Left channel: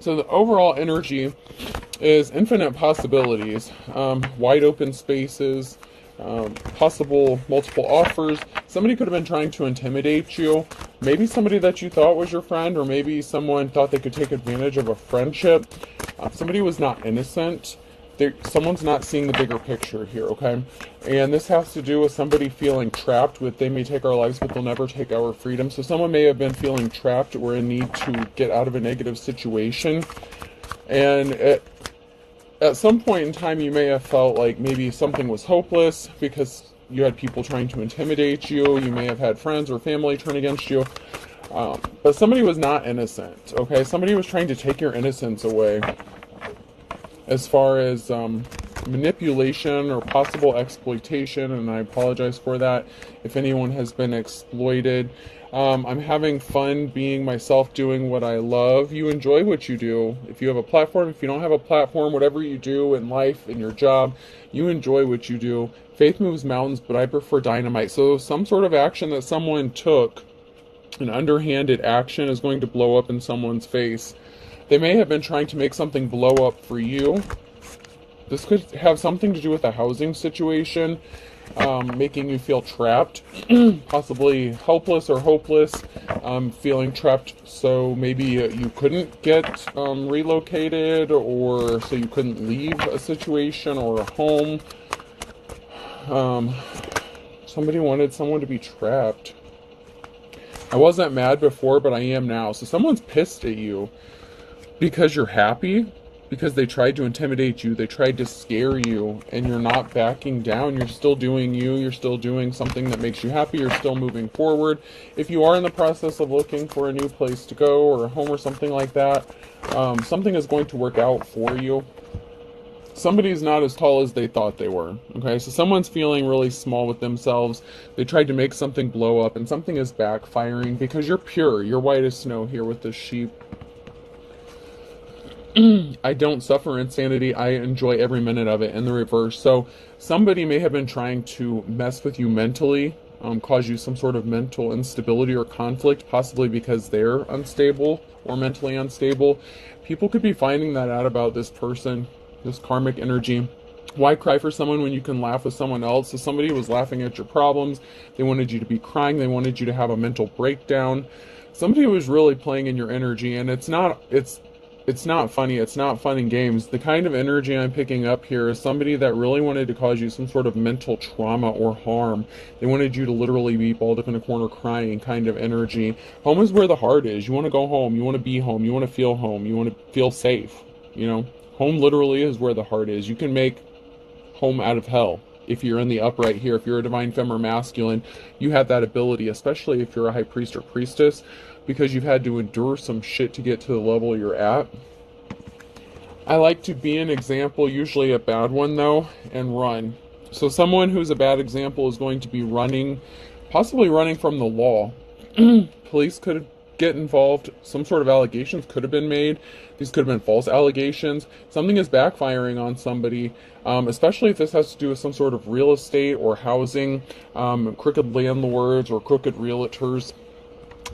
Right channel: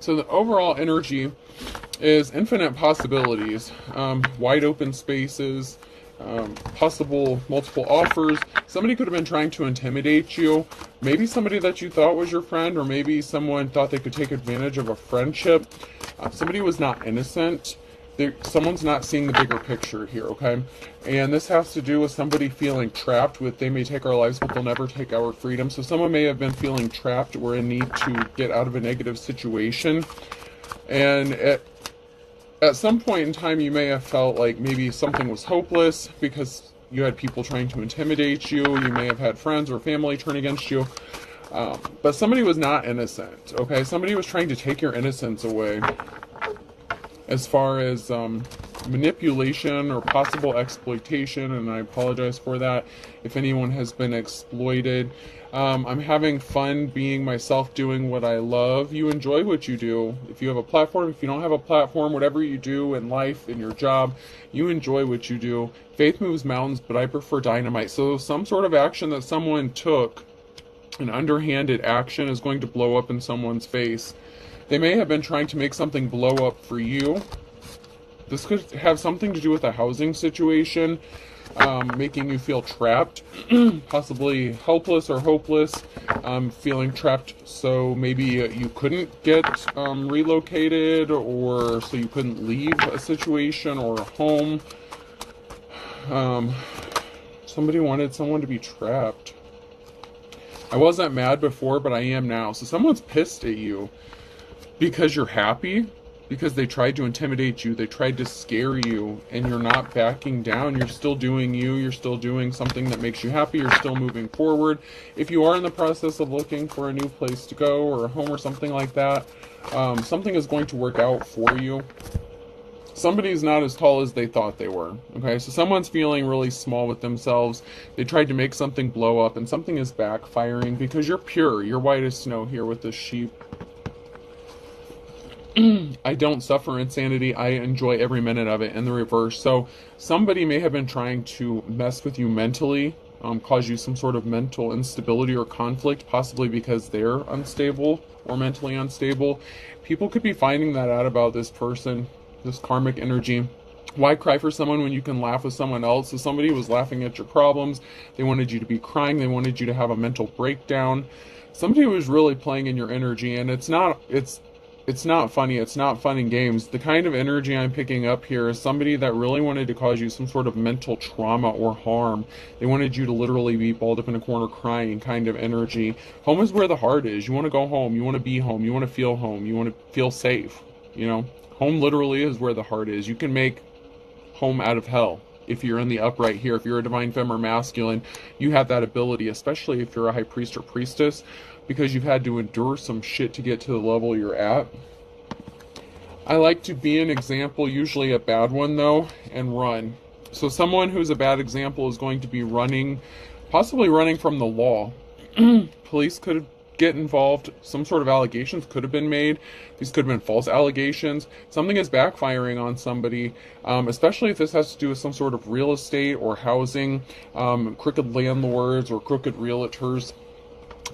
So the overall energy is infinite possibilities, wide open spaces, possible multiple offers. Somebody could have been trying to intimidate you. Maybe somebody that you thought was your friend, or maybe someone thought they could take advantage of a friendship. Somebody was not innocent. Someone's not seeing the bigger picture here, okay? And this has to do with somebody feeling trapped with, they may take our lives, but they'll never take our freedom. So someone may have been feeling trapped or in need to get out of a negative situation. And at some point in time, you may have felt like maybe something was hopeless because you had people trying to intimidate you. You may have had friends or family turn against you. But somebody was not innocent, okay? Somebody was trying to take your innocence away. As far as manipulation or possible exploitation, and I apologize for that if anyone has been exploited. I'm having fun being myself, doing what I love. You enjoy what you do. If you have a platform, if you don't have a platform, whatever you do in life, in your job, you enjoy what you do. Faith moves mountains, but I prefer dynamite. So some sort of action that someone took, an underhanded action, is going to blow up in someone's face. They may have been trying to make something blow up for you. This could have something to do with a housing situation, making you feel trapped, possibly helpless or hopeless, feeling trapped. So maybe you couldn't get relocated, or so you couldn't leave a situation or a home. Somebody wanted someone to be trapped. I wasn't mad before, but I am now. So someone's pissed at you because you're happy, because they tried to intimidate you, they tried to scare you, and you're not backing down. You're still doing you, you're still doing something that makes you happy, you're still moving forward. If you are in the process of looking for a new place to go, or a home or something like that, something is going to work out for you. Somebody's not as tall as they thought they were, okay? So someone's feeling really small with themselves. They tried to make something blow up, and something is backfiring because you're pure. You're white as snow here with this sheep. I don't suffer insanity. I enjoy every minute of it, in the reverse. So somebody may have been trying to mess with you mentally, cause you some sort of mental instability or conflict, possibly because they're unstable or mentally unstable. People could be finding that out about this person, this karmic energy. Why cry for someone when you can laugh with someone else? So somebody was laughing at your problems. They wanted you to be crying. They wanted you to have a mental breakdown. Somebody was really playing in your energy, and it's not funny. It's not fun and games. The kind of energy I'm picking up here is somebody that really wanted to cause you some sort of mental trauma or harm. They wanted you to literally be balled up in a corner crying kind of energy. Home is where the heart is. You want to go home. You want to be home. You want to feel home. You want to feel safe. You know, home literally is where the heart is. You can make home out of hell. If you're in the upright here, if you're a divine femme or masculine, you have that ability, especially if you're a high priest or priestess, because you've had to endure some shit to get to the level you're at. I like to be an example, usually a bad one though, and run. So someone who's a bad example is going to be running, possibly running from the law. Police could get involved. Some sort of allegations could have been made. These could have been false allegations. Something is backfiring on somebody, especially if this has to do with some sort of real estate or housing, crooked landlords or crooked realtors.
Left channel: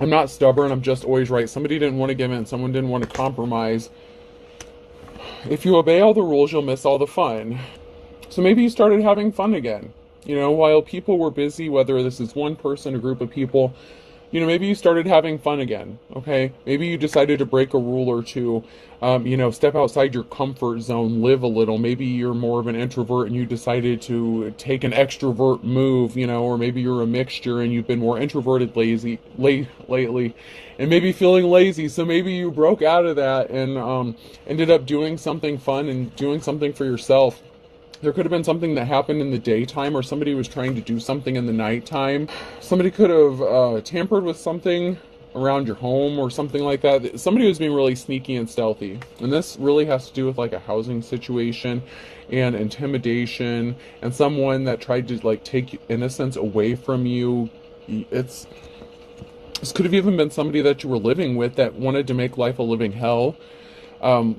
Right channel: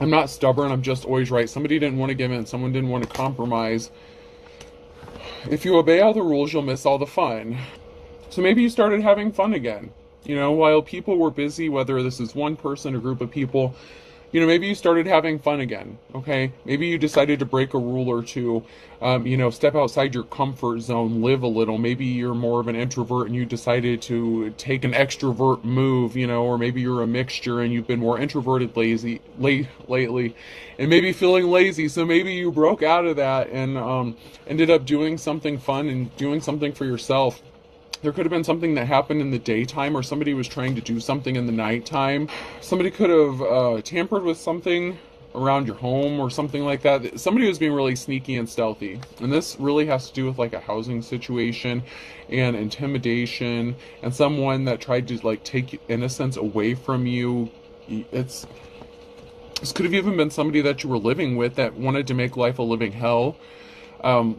I'm not stubborn, I'm just always right. Somebody didn't want to give in, someone didn't want to compromise. If you obey all the rules, you'll miss all the fun. So maybe you started having fun again. You know, while people were busy, whether this is one person or group of people, you know, maybe you started having fun again, okay? Maybe you decided to break a rule or two, you know, step outside your comfort zone, live a little. Maybe you're more of an introvert and you decided to take an extrovert move, you know, or maybe you're a mixture and you've been more introverted lately, and maybe feeling lazy. So maybe you broke out of that and ended up doing something fun and doing something for yourself. There could have been something that happened in the daytime, or somebody was trying to do something in the nighttime. Somebody could have tampered with something around your home or something like that. Somebody was being really sneaky and stealthy. And this really has to do with like a housing situation and intimidation and someone that tried to like take innocence away from you. This could have even been somebody that you were living with that wanted to make life a living hell.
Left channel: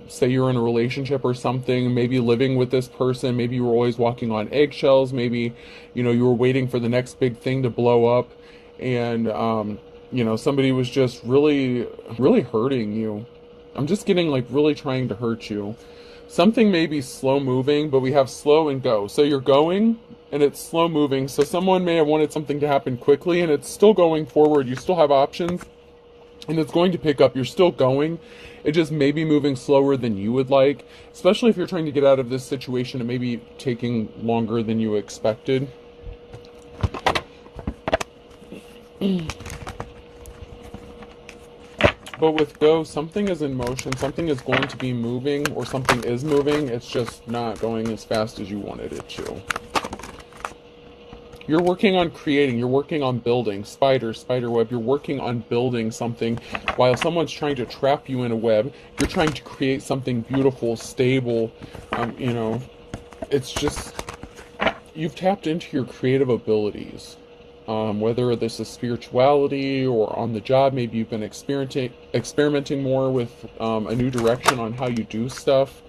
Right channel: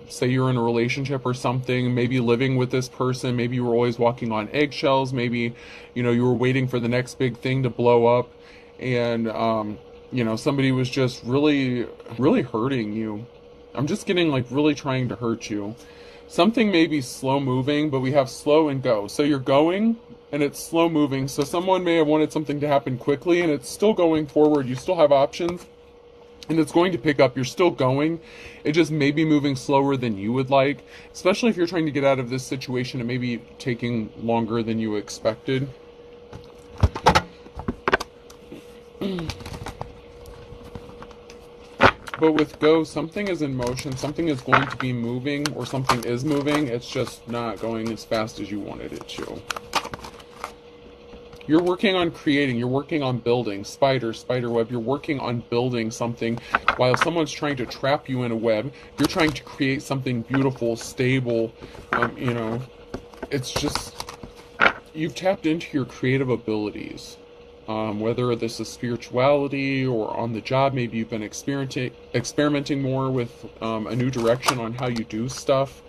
Say you're in a relationship or something, maybe living with this person, maybe you were always walking on eggshells, maybe, you know, you were waiting for the next big thing to blow up, and, you know, somebody was just really, really hurting you. I'm just getting like really trying to hurt you. Something may be slow moving, but we have slow and go. So you're going and it's slow moving. So someone may have wanted something to happen quickly and it's still going forward. You still have options and it's going to pick up. You're still going. It just may be moving slower than you would like, especially if you're trying to get out of this situation. It may be taking longer than you expected. But with go, something is in motion, something is going to be moving, or something is moving. It's just not going as fast as you wanted it to. You're working on creating, you're working on building, spider web, you're working on building something. While someone's trying to trap you in a web, you're trying to create something beautiful, stable. You know, it's just, you've tapped into your creative abilities. Whether this is spirituality or on the job, maybe you've been experimenting more with a new direction on how you do stuff.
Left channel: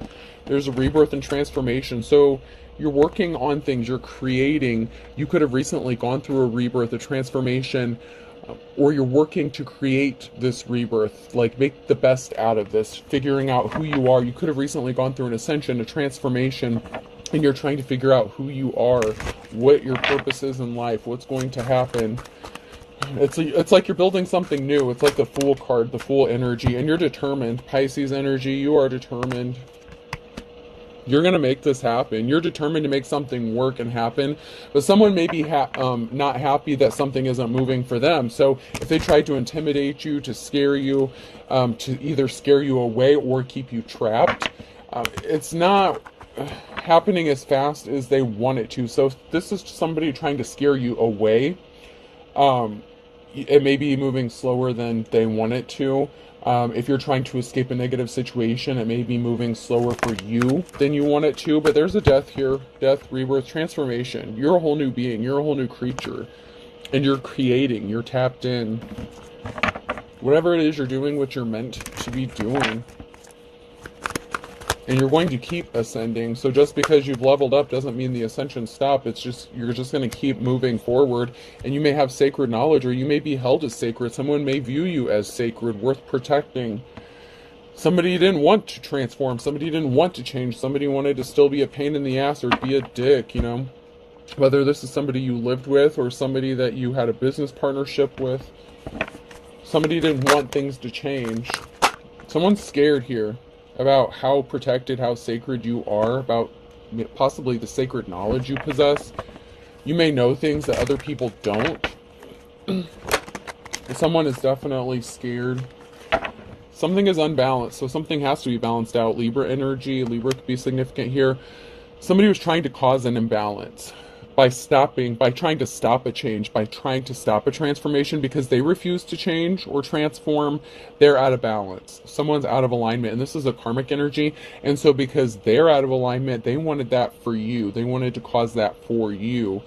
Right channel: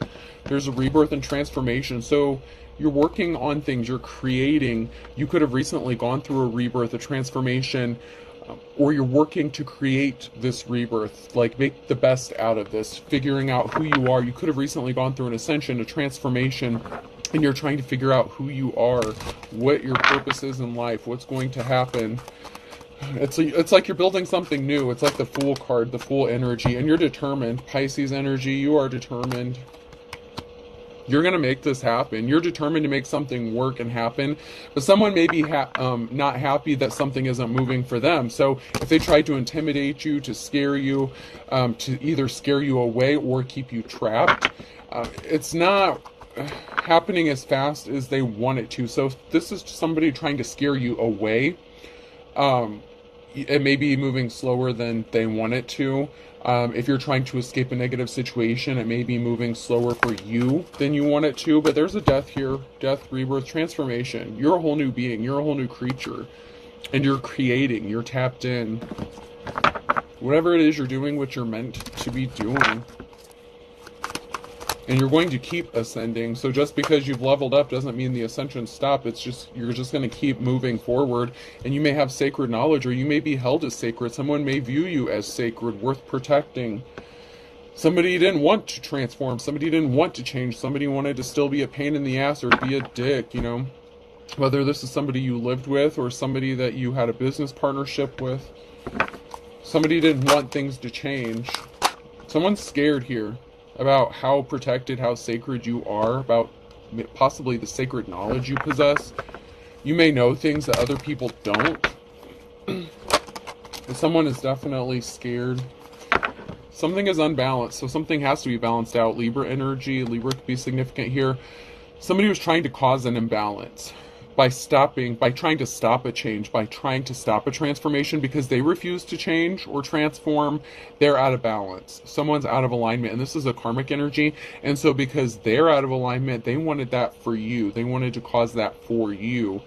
There's a rebirth and transformation. So you're working on things, you're creating. You could have recently gone through a rebirth, a transformation, or you're working to create this rebirth, like make the best out of this, figuring out who you are. You could have recently gone through an ascension, a transformation, and you're trying to figure out who you are, what your purpose is in life, what's going to happen. It's like you're building something new. It's like the Fool card, the Fool energy, and you're determined. Pisces energy, you are determined. You're going to make this happen. You're determined to make something work and happen. But someone may be not happy that something isn't moving for them. So if they try to intimidate you, to scare you, to either scare you away or keep you trapped, it's not happening as fast as they want it to. So if this is somebody trying to scare you away, it may be moving slower than they want it to. If you're trying to escape a negative situation, it may be moving slower for you than you want it to. But there's a death here, death, rebirth, transformation. You're a whole new being, you're a whole new creature, and you're creating, you're tapped in. Whatever it is you're doing, what you're meant to be doing. And you're going to keep ascending. So just because you've leveled up doesn't mean the ascension stopped. It's just, you're just going to keep moving forward. And you may have sacred knowledge, or you may be held as sacred. Someone may view you as sacred, worth protecting. Somebody didn't want to transform. Somebody didn't want to change. Somebody wanted to still be a pain in the ass or be a dick, you know. Whether this is somebody you lived with or somebody that you had a business partnership with. Somebody didn't want things to change. Someone's scared here about how protected, how sacred you are, about possibly the sacred knowledge you possess. You may know things that other people don't. Someone is definitely scared. Something is unbalanced, so something has to be balanced out. Libra energy, Libra could be significant here. Somebody was trying to cause an imbalance by trying to stop a change, by trying to stop a transformation, because they refuse to change or transform. They're out of balance. Someone's out of alignment, and this is a karmic energy. And so because they're out of alignment, they wanted that for you. They wanted to cause that for you.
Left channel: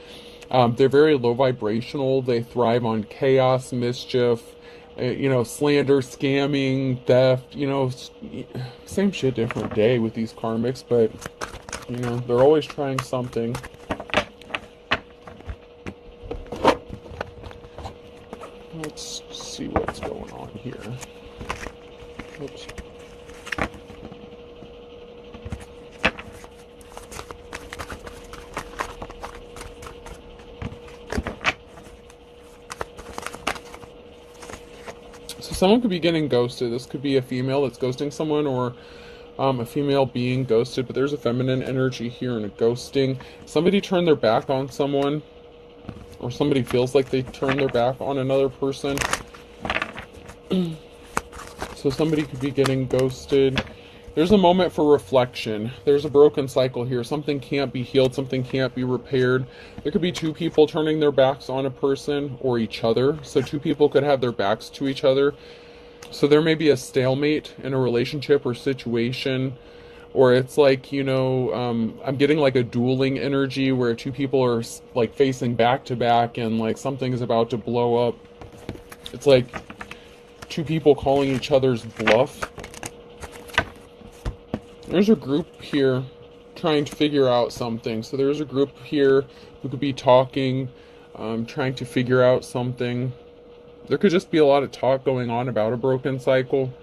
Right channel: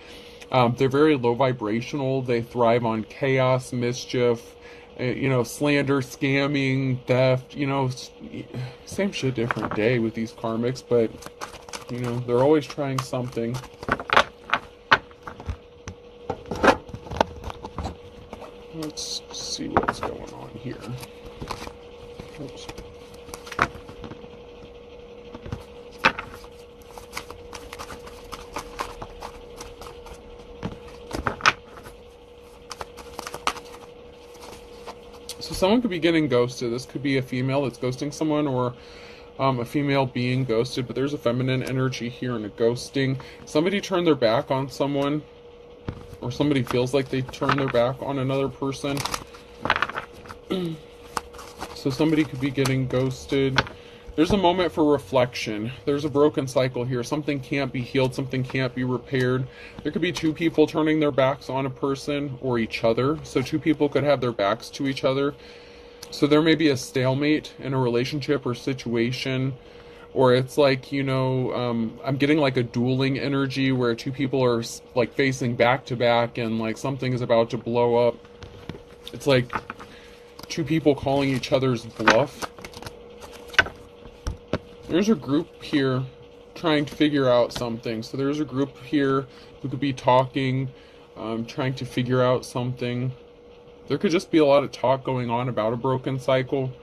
They're very low vibrational. They thrive on chaos, mischief, slander, scamming, theft, same shit, different day with these karmics, but, they're always trying something. Let's see what's going on here. Oops. So someone could be getting ghosted. This could be a female that's ghosting someone, or a female being ghosted, but there's a feminine energy here and a ghosting. Somebody turned their back on someone, or somebody feels like they turn their back on another person. So somebody could be getting ghosted. There's a moment for reflection. There's a broken cycle here. Something can't be healed. Something can't be repaired. There could be two people turning their backs on a person or each other. So two people could have their backs to each other. So there may be a stalemate in a relationship or situation. Or it's like, I'm getting like a dueling energy where two people are like facing back to back and like something is about to blow up. It's like two people calling each other's bluff. There's a group here trying to figure out something. So there's a group here who could be talking, trying to figure out something. There could just be a lot of talk going on about a broken cycle.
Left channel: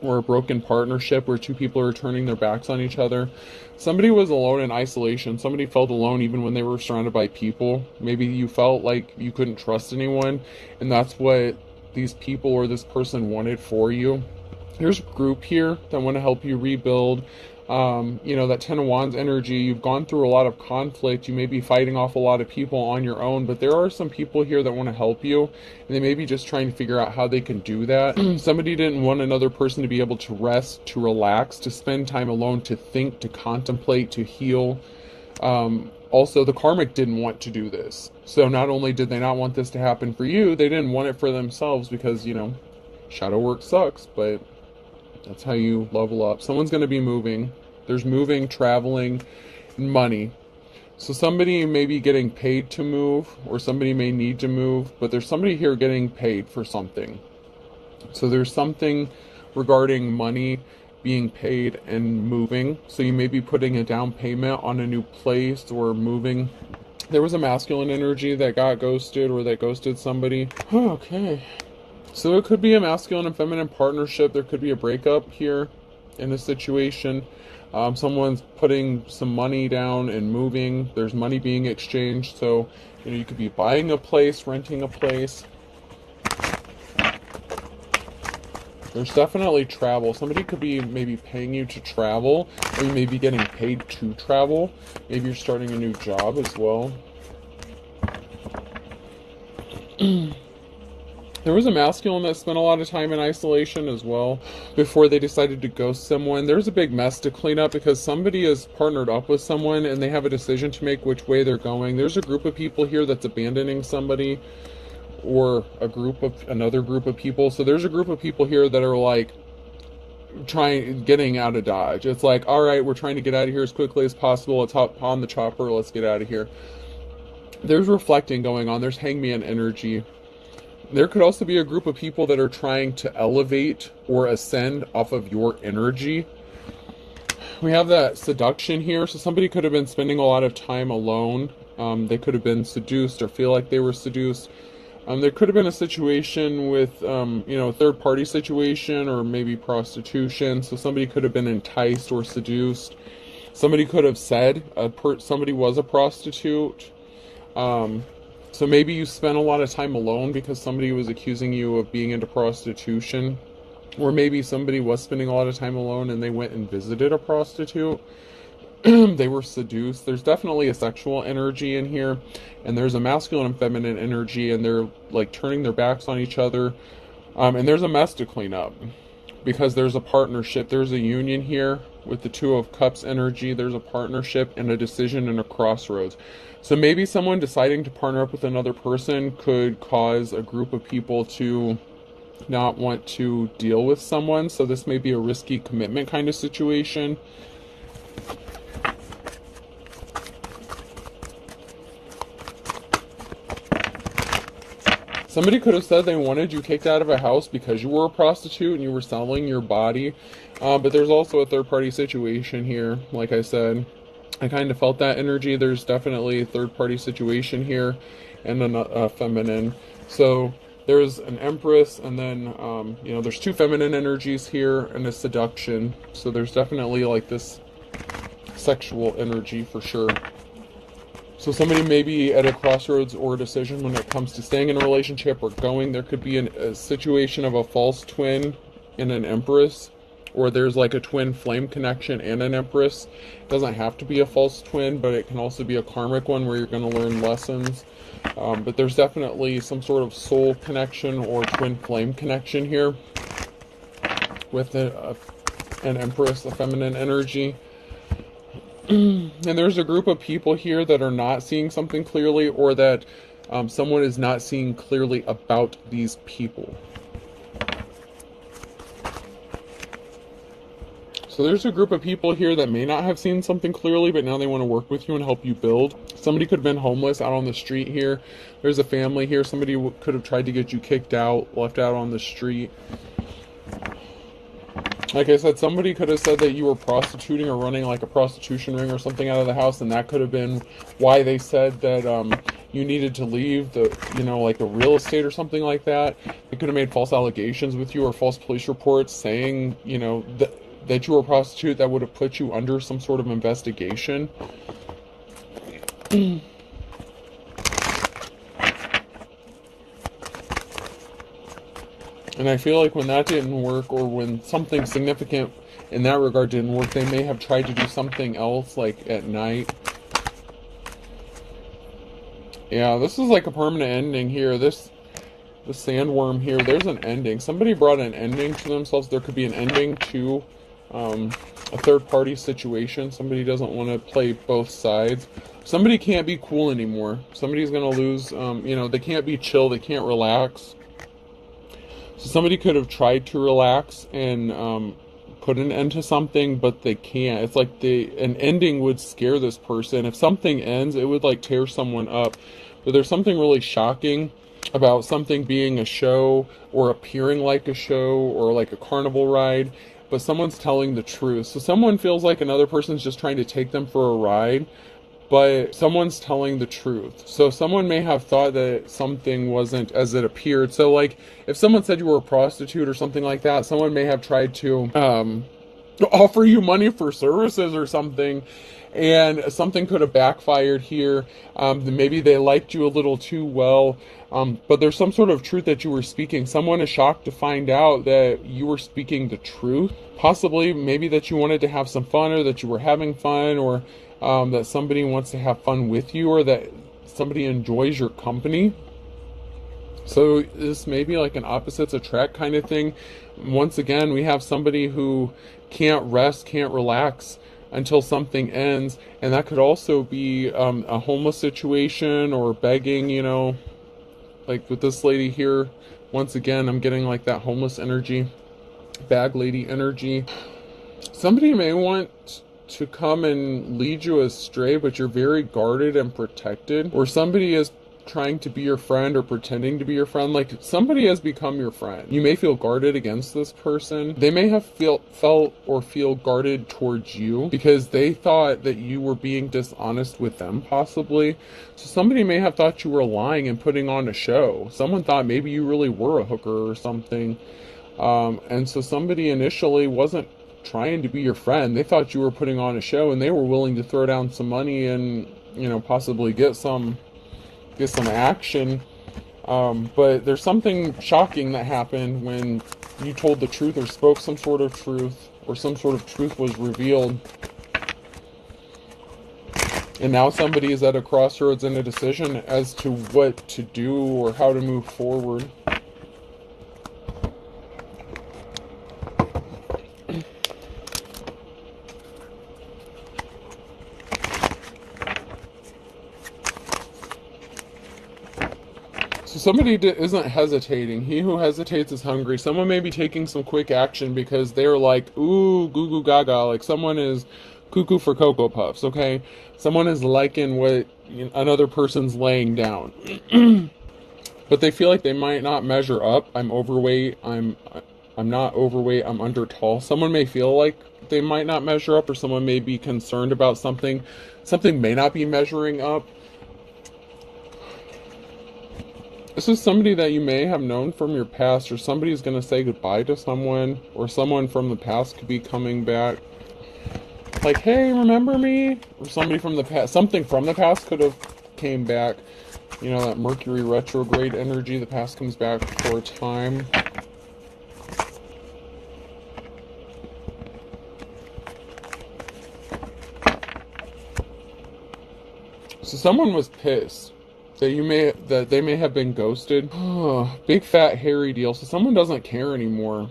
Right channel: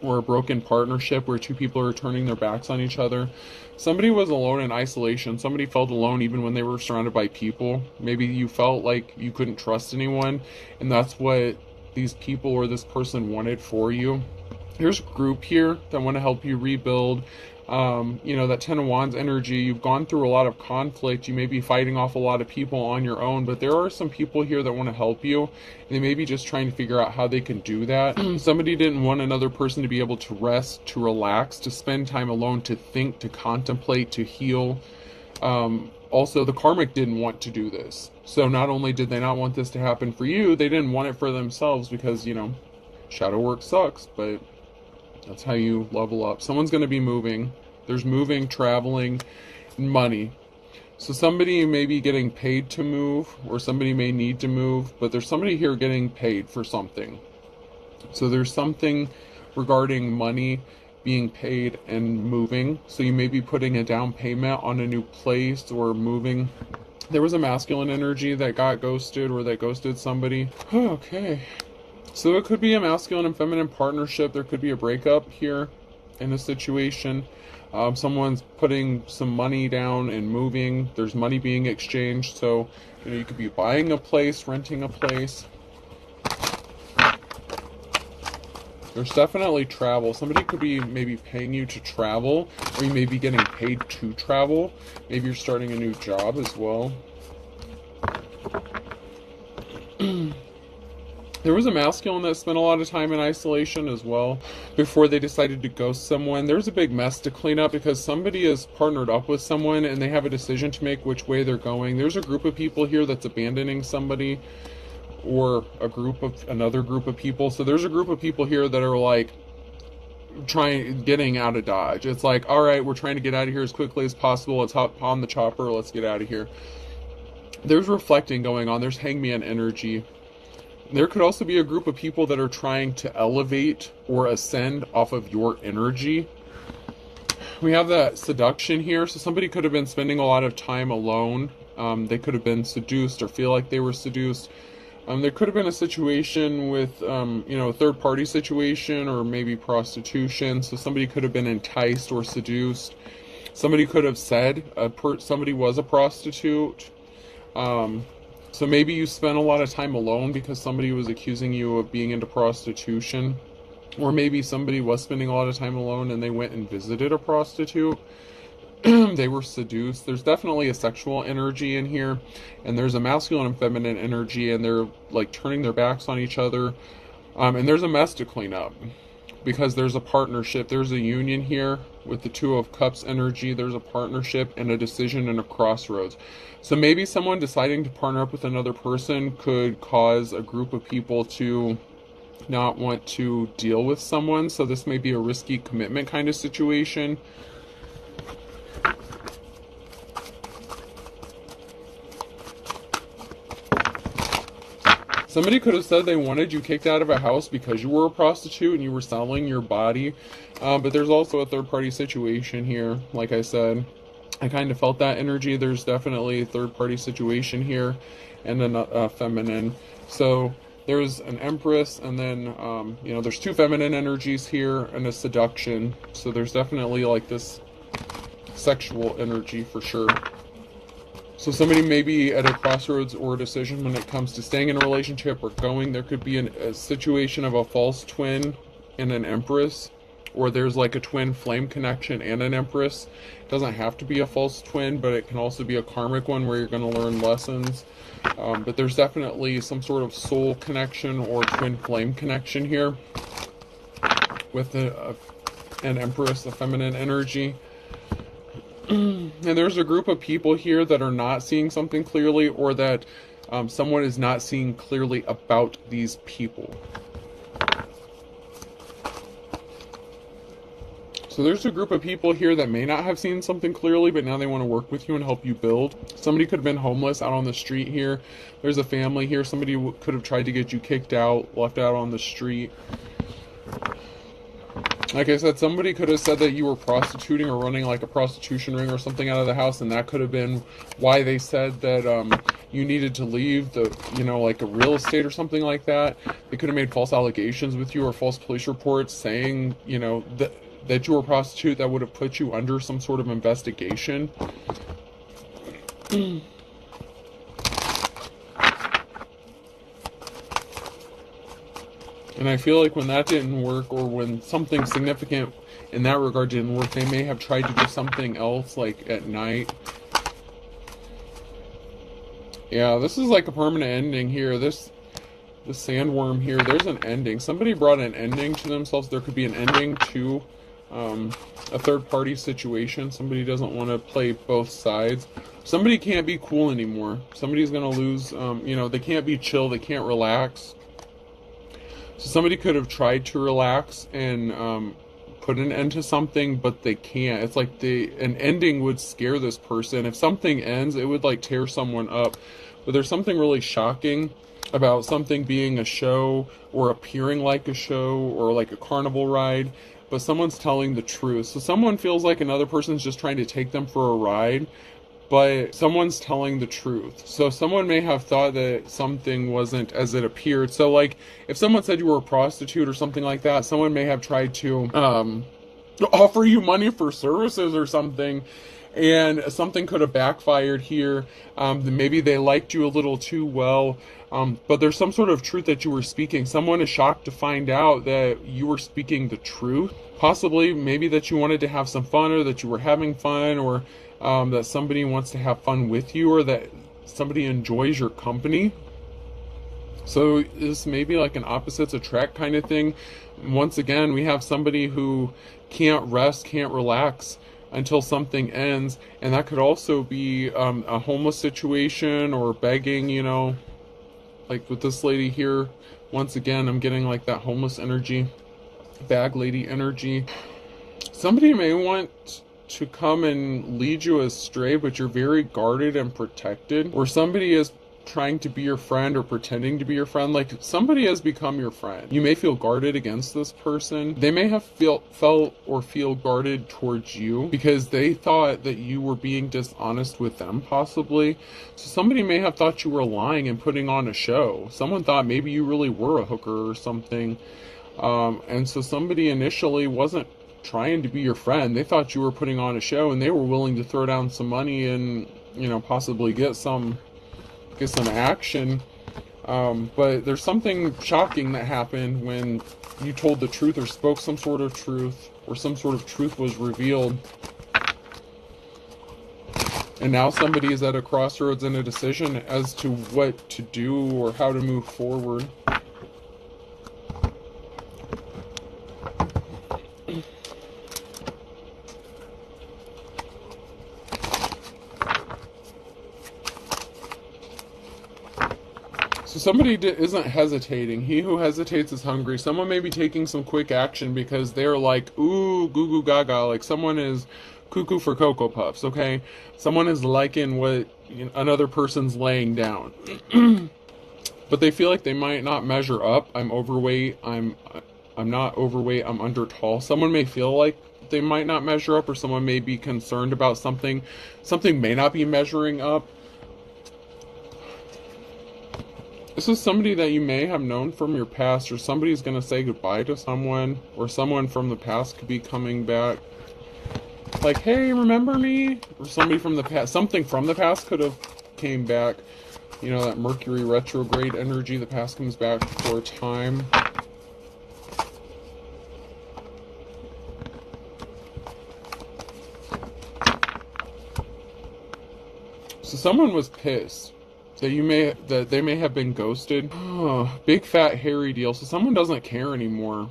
or a broken partnership where two people are turning their backs on each other. Somebody was alone in isolation. Somebody felt alone even when they were surrounded by people. Maybe you felt like you couldn't trust anyone, and that's what these people or this person wanted for you. There's a group here that want to help you rebuild. That Ten of Wands energy, you've gone through a lot of conflict. You may be fighting off a lot of people on your own, but there are some people here that want to help you, and they may be just trying to figure out how they can do that. Somebody didn't want another person to be able to rest, to relax, to spend time alone, to think, to contemplate, to heal. Also, the karmic didn't want to do this. So not only did they not want this to happen for you, they didn't want it for themselves because, shadow work sucks, but that's how you level up. Someone's going to be moving. There's moving, traveling, and money. So somebody may be getting paid to move, or somebody may need to move, but there's somebody here getting paid for something. So there's something regarding money being paid and moving. So you may be putting a down payment on a new place or moving. There was a masculine energy that got ghosted or that ghosted somebody. Okay. So it could be a masculine and feminine partnership. There could be a breakup here in this situation. Someone's putting some money down and moving. There's money being exchanged. So, you could be buying a place, renting a place. There's definitely travel. Somebody could be maybe paying you to travel. Or you may be getting paid to travel. Maybe you're starting a new job as well. There was a masculine that spent a lot of time in isolation as well before they decided to ghost someone. There's a big mess to clean up because somebody is partnered up with someone and they have a decision to make which way they're going. There's a group of people here that's abandoning somebody, or another group of people. So there's a group of people here that are like getting out of Dodge. It's like, all right, we're trying to get out of here as quickly as possible. Let's hop on the chopper. Let's get out of here. There's reflecting going on. There's hangman energy. There could also be a group of people that are trying to elevate or ascend off of your energy. We have that seduction here. So somebody could have been spending a lot of time alone. They could have been seduced or feel like they were seduced. There could have been a situation with, third-party situation or maybe prostitution. So somebody could have been enticed or seduced. Somebody could have said somebody was a prostitute. So maybe you spent a lot of time alone because somebody was accusing you of being into prostitution. Or maybe somebody was spending a lot of time alone and they went and visited a prostitute. They were seduced. There's definitely a sexual energy in here. And there's a masculine and feminine energy, and they're like turning their backs on each other. And there's a mess to clean up because there's a partnership. There's a union here with the Two of Cups energy. There's a partnership and a decision and a crossroads. So maybe someone deciding to partner up with another person could cause a group of people to not want to deal with someone. So this may be a risky commitment kind of situation. Somebody could have said they wanted you kicked out of a house because you were a prostitute and you were selling your body. But there's also a third-party situation here. Like I said, I kind of felt that energy. There's definitely a third-party situation here and a feminine. So there's an Empress, and then, there's two feminine energies here and a seduction. So there's definitely like this sexual energy for sure. So somebody may be at a crossroads or a decision when it comes to staying in a relationship or going. There could be a situation of a false twin and an Empress, or there's like a twin flame connection and an Empress. It doesn't have to be a false twin, but it can also be a karmic one where you're going to learn lessons. But there's definitely some sort of soul connection or twin flame connection here with an Empress, a feminine energy. And there's a group of people here that are not seeing something clearly, or that someone is not seeing clearly about these people. So there's a group of people here that may not have seen something clearly, but now they want to work with you and help you build. Somebody could have been homeless out on the street here. There's a family here. Somebody could have tried to get you kicked out, left out on the street. Like I said, somebody could have said that you were prostituting or running like a prostitution ring or something out of the house, and that could have been why they said that you needed to leave the, like a real estate or something like that. They could have made false allegations with you or false police reports saying, that you were a prostitute that would have put you under some sort of investigation. And I feel like when that didn't work, or when something significant in that regard didn't work, they may have tried to do something else, like at night. Yeah, this is like a permanent ending here. The sandworm here, there's an ending. Somebody brought an ending to themselves. There could be an ending to a third-party situation. Somebody doesn't want to play both sides. Somebody can't be cool anymore. Somebody's going to lose, they can't be chill. They can't relax. So somebody could have tried to relax and put an end to something, but they can't. It's like an ending would scare this person. If something ends, it would like tear someone up. But there's something really shocking about something being a show or appearing like a show or like a carnival ride, but someone's telling the truth. So someone feels like another person's just trying to take them for a ride, but someone's telling the truth. So someone may have thought that something wasn't as it appeared. So like if someone said you were a prostitute or something like that, someone may have tried to offer you money for services or something, and something could have backfired here. Maybe they liked you a little too well, but there's some sort of truth that you were speaking. Someone is shocked to find out that you were speaking the truth. Possibly maybe that you wanted to have some fun, or that you were having fun, or that somebody wants to have fun with you, or that somebody enjoys your company. So this may be like an opposites attract kind of thing. Once again, we have somebody who can't rest, can't relax until something ends. And that could also be a homeless situation or begging, like with this lady here. Once again, I'm getting like that homeless energy, bag lady energy. Somebody may want to come and lead you astray, but you're very guarded and protected. Or somebody is trying to be your friend or pretending to be your friend. Like somebody has become your friend. You may feel guarded against this person. They may have felt or feel guarded towards you because they thought that you were being dishonest with them, possibly. So somebody may have thought you were lying and putting on a show. Someone thought maybe you really were a hooker or something. And so somebody initially wasn't trying to be your friend. They thought you were putting on a show, and they were willing to throw down some money and, possibly get some action. But there's something shocking that happened when you told the truth or spoke some sort of truth, or some sort of truth was revealed. And now somebody is at a crossroads and a decision as to what to do or how to move forward. So somebody isn't hesitating. He who hesitates is hungry. Someone may be taking some quick action because they're like, ooh, goo goo gaga. Like someone is cuckoo for Cocoa Puffs, okay? Someone is liking what another person's laying down. But they feel like they might not measure up. I'm overweight. I'm not overweight. I'm under tall. Someone may feel like they might not measure up, or someone may be concerned about something. Something may not be measuring up. This is somebody that you may have known from your past, or somebody's going to say goodbye to someone, or someone from the past could be coming back. Like, hey, remember me? Or somebody from the past, something from the past could have came back. That Mercury retrograde energy, the past comes back for a time. So someone was pissed that they may have been ghosted. Big fat hairy deal. So someone doesn't care anymore.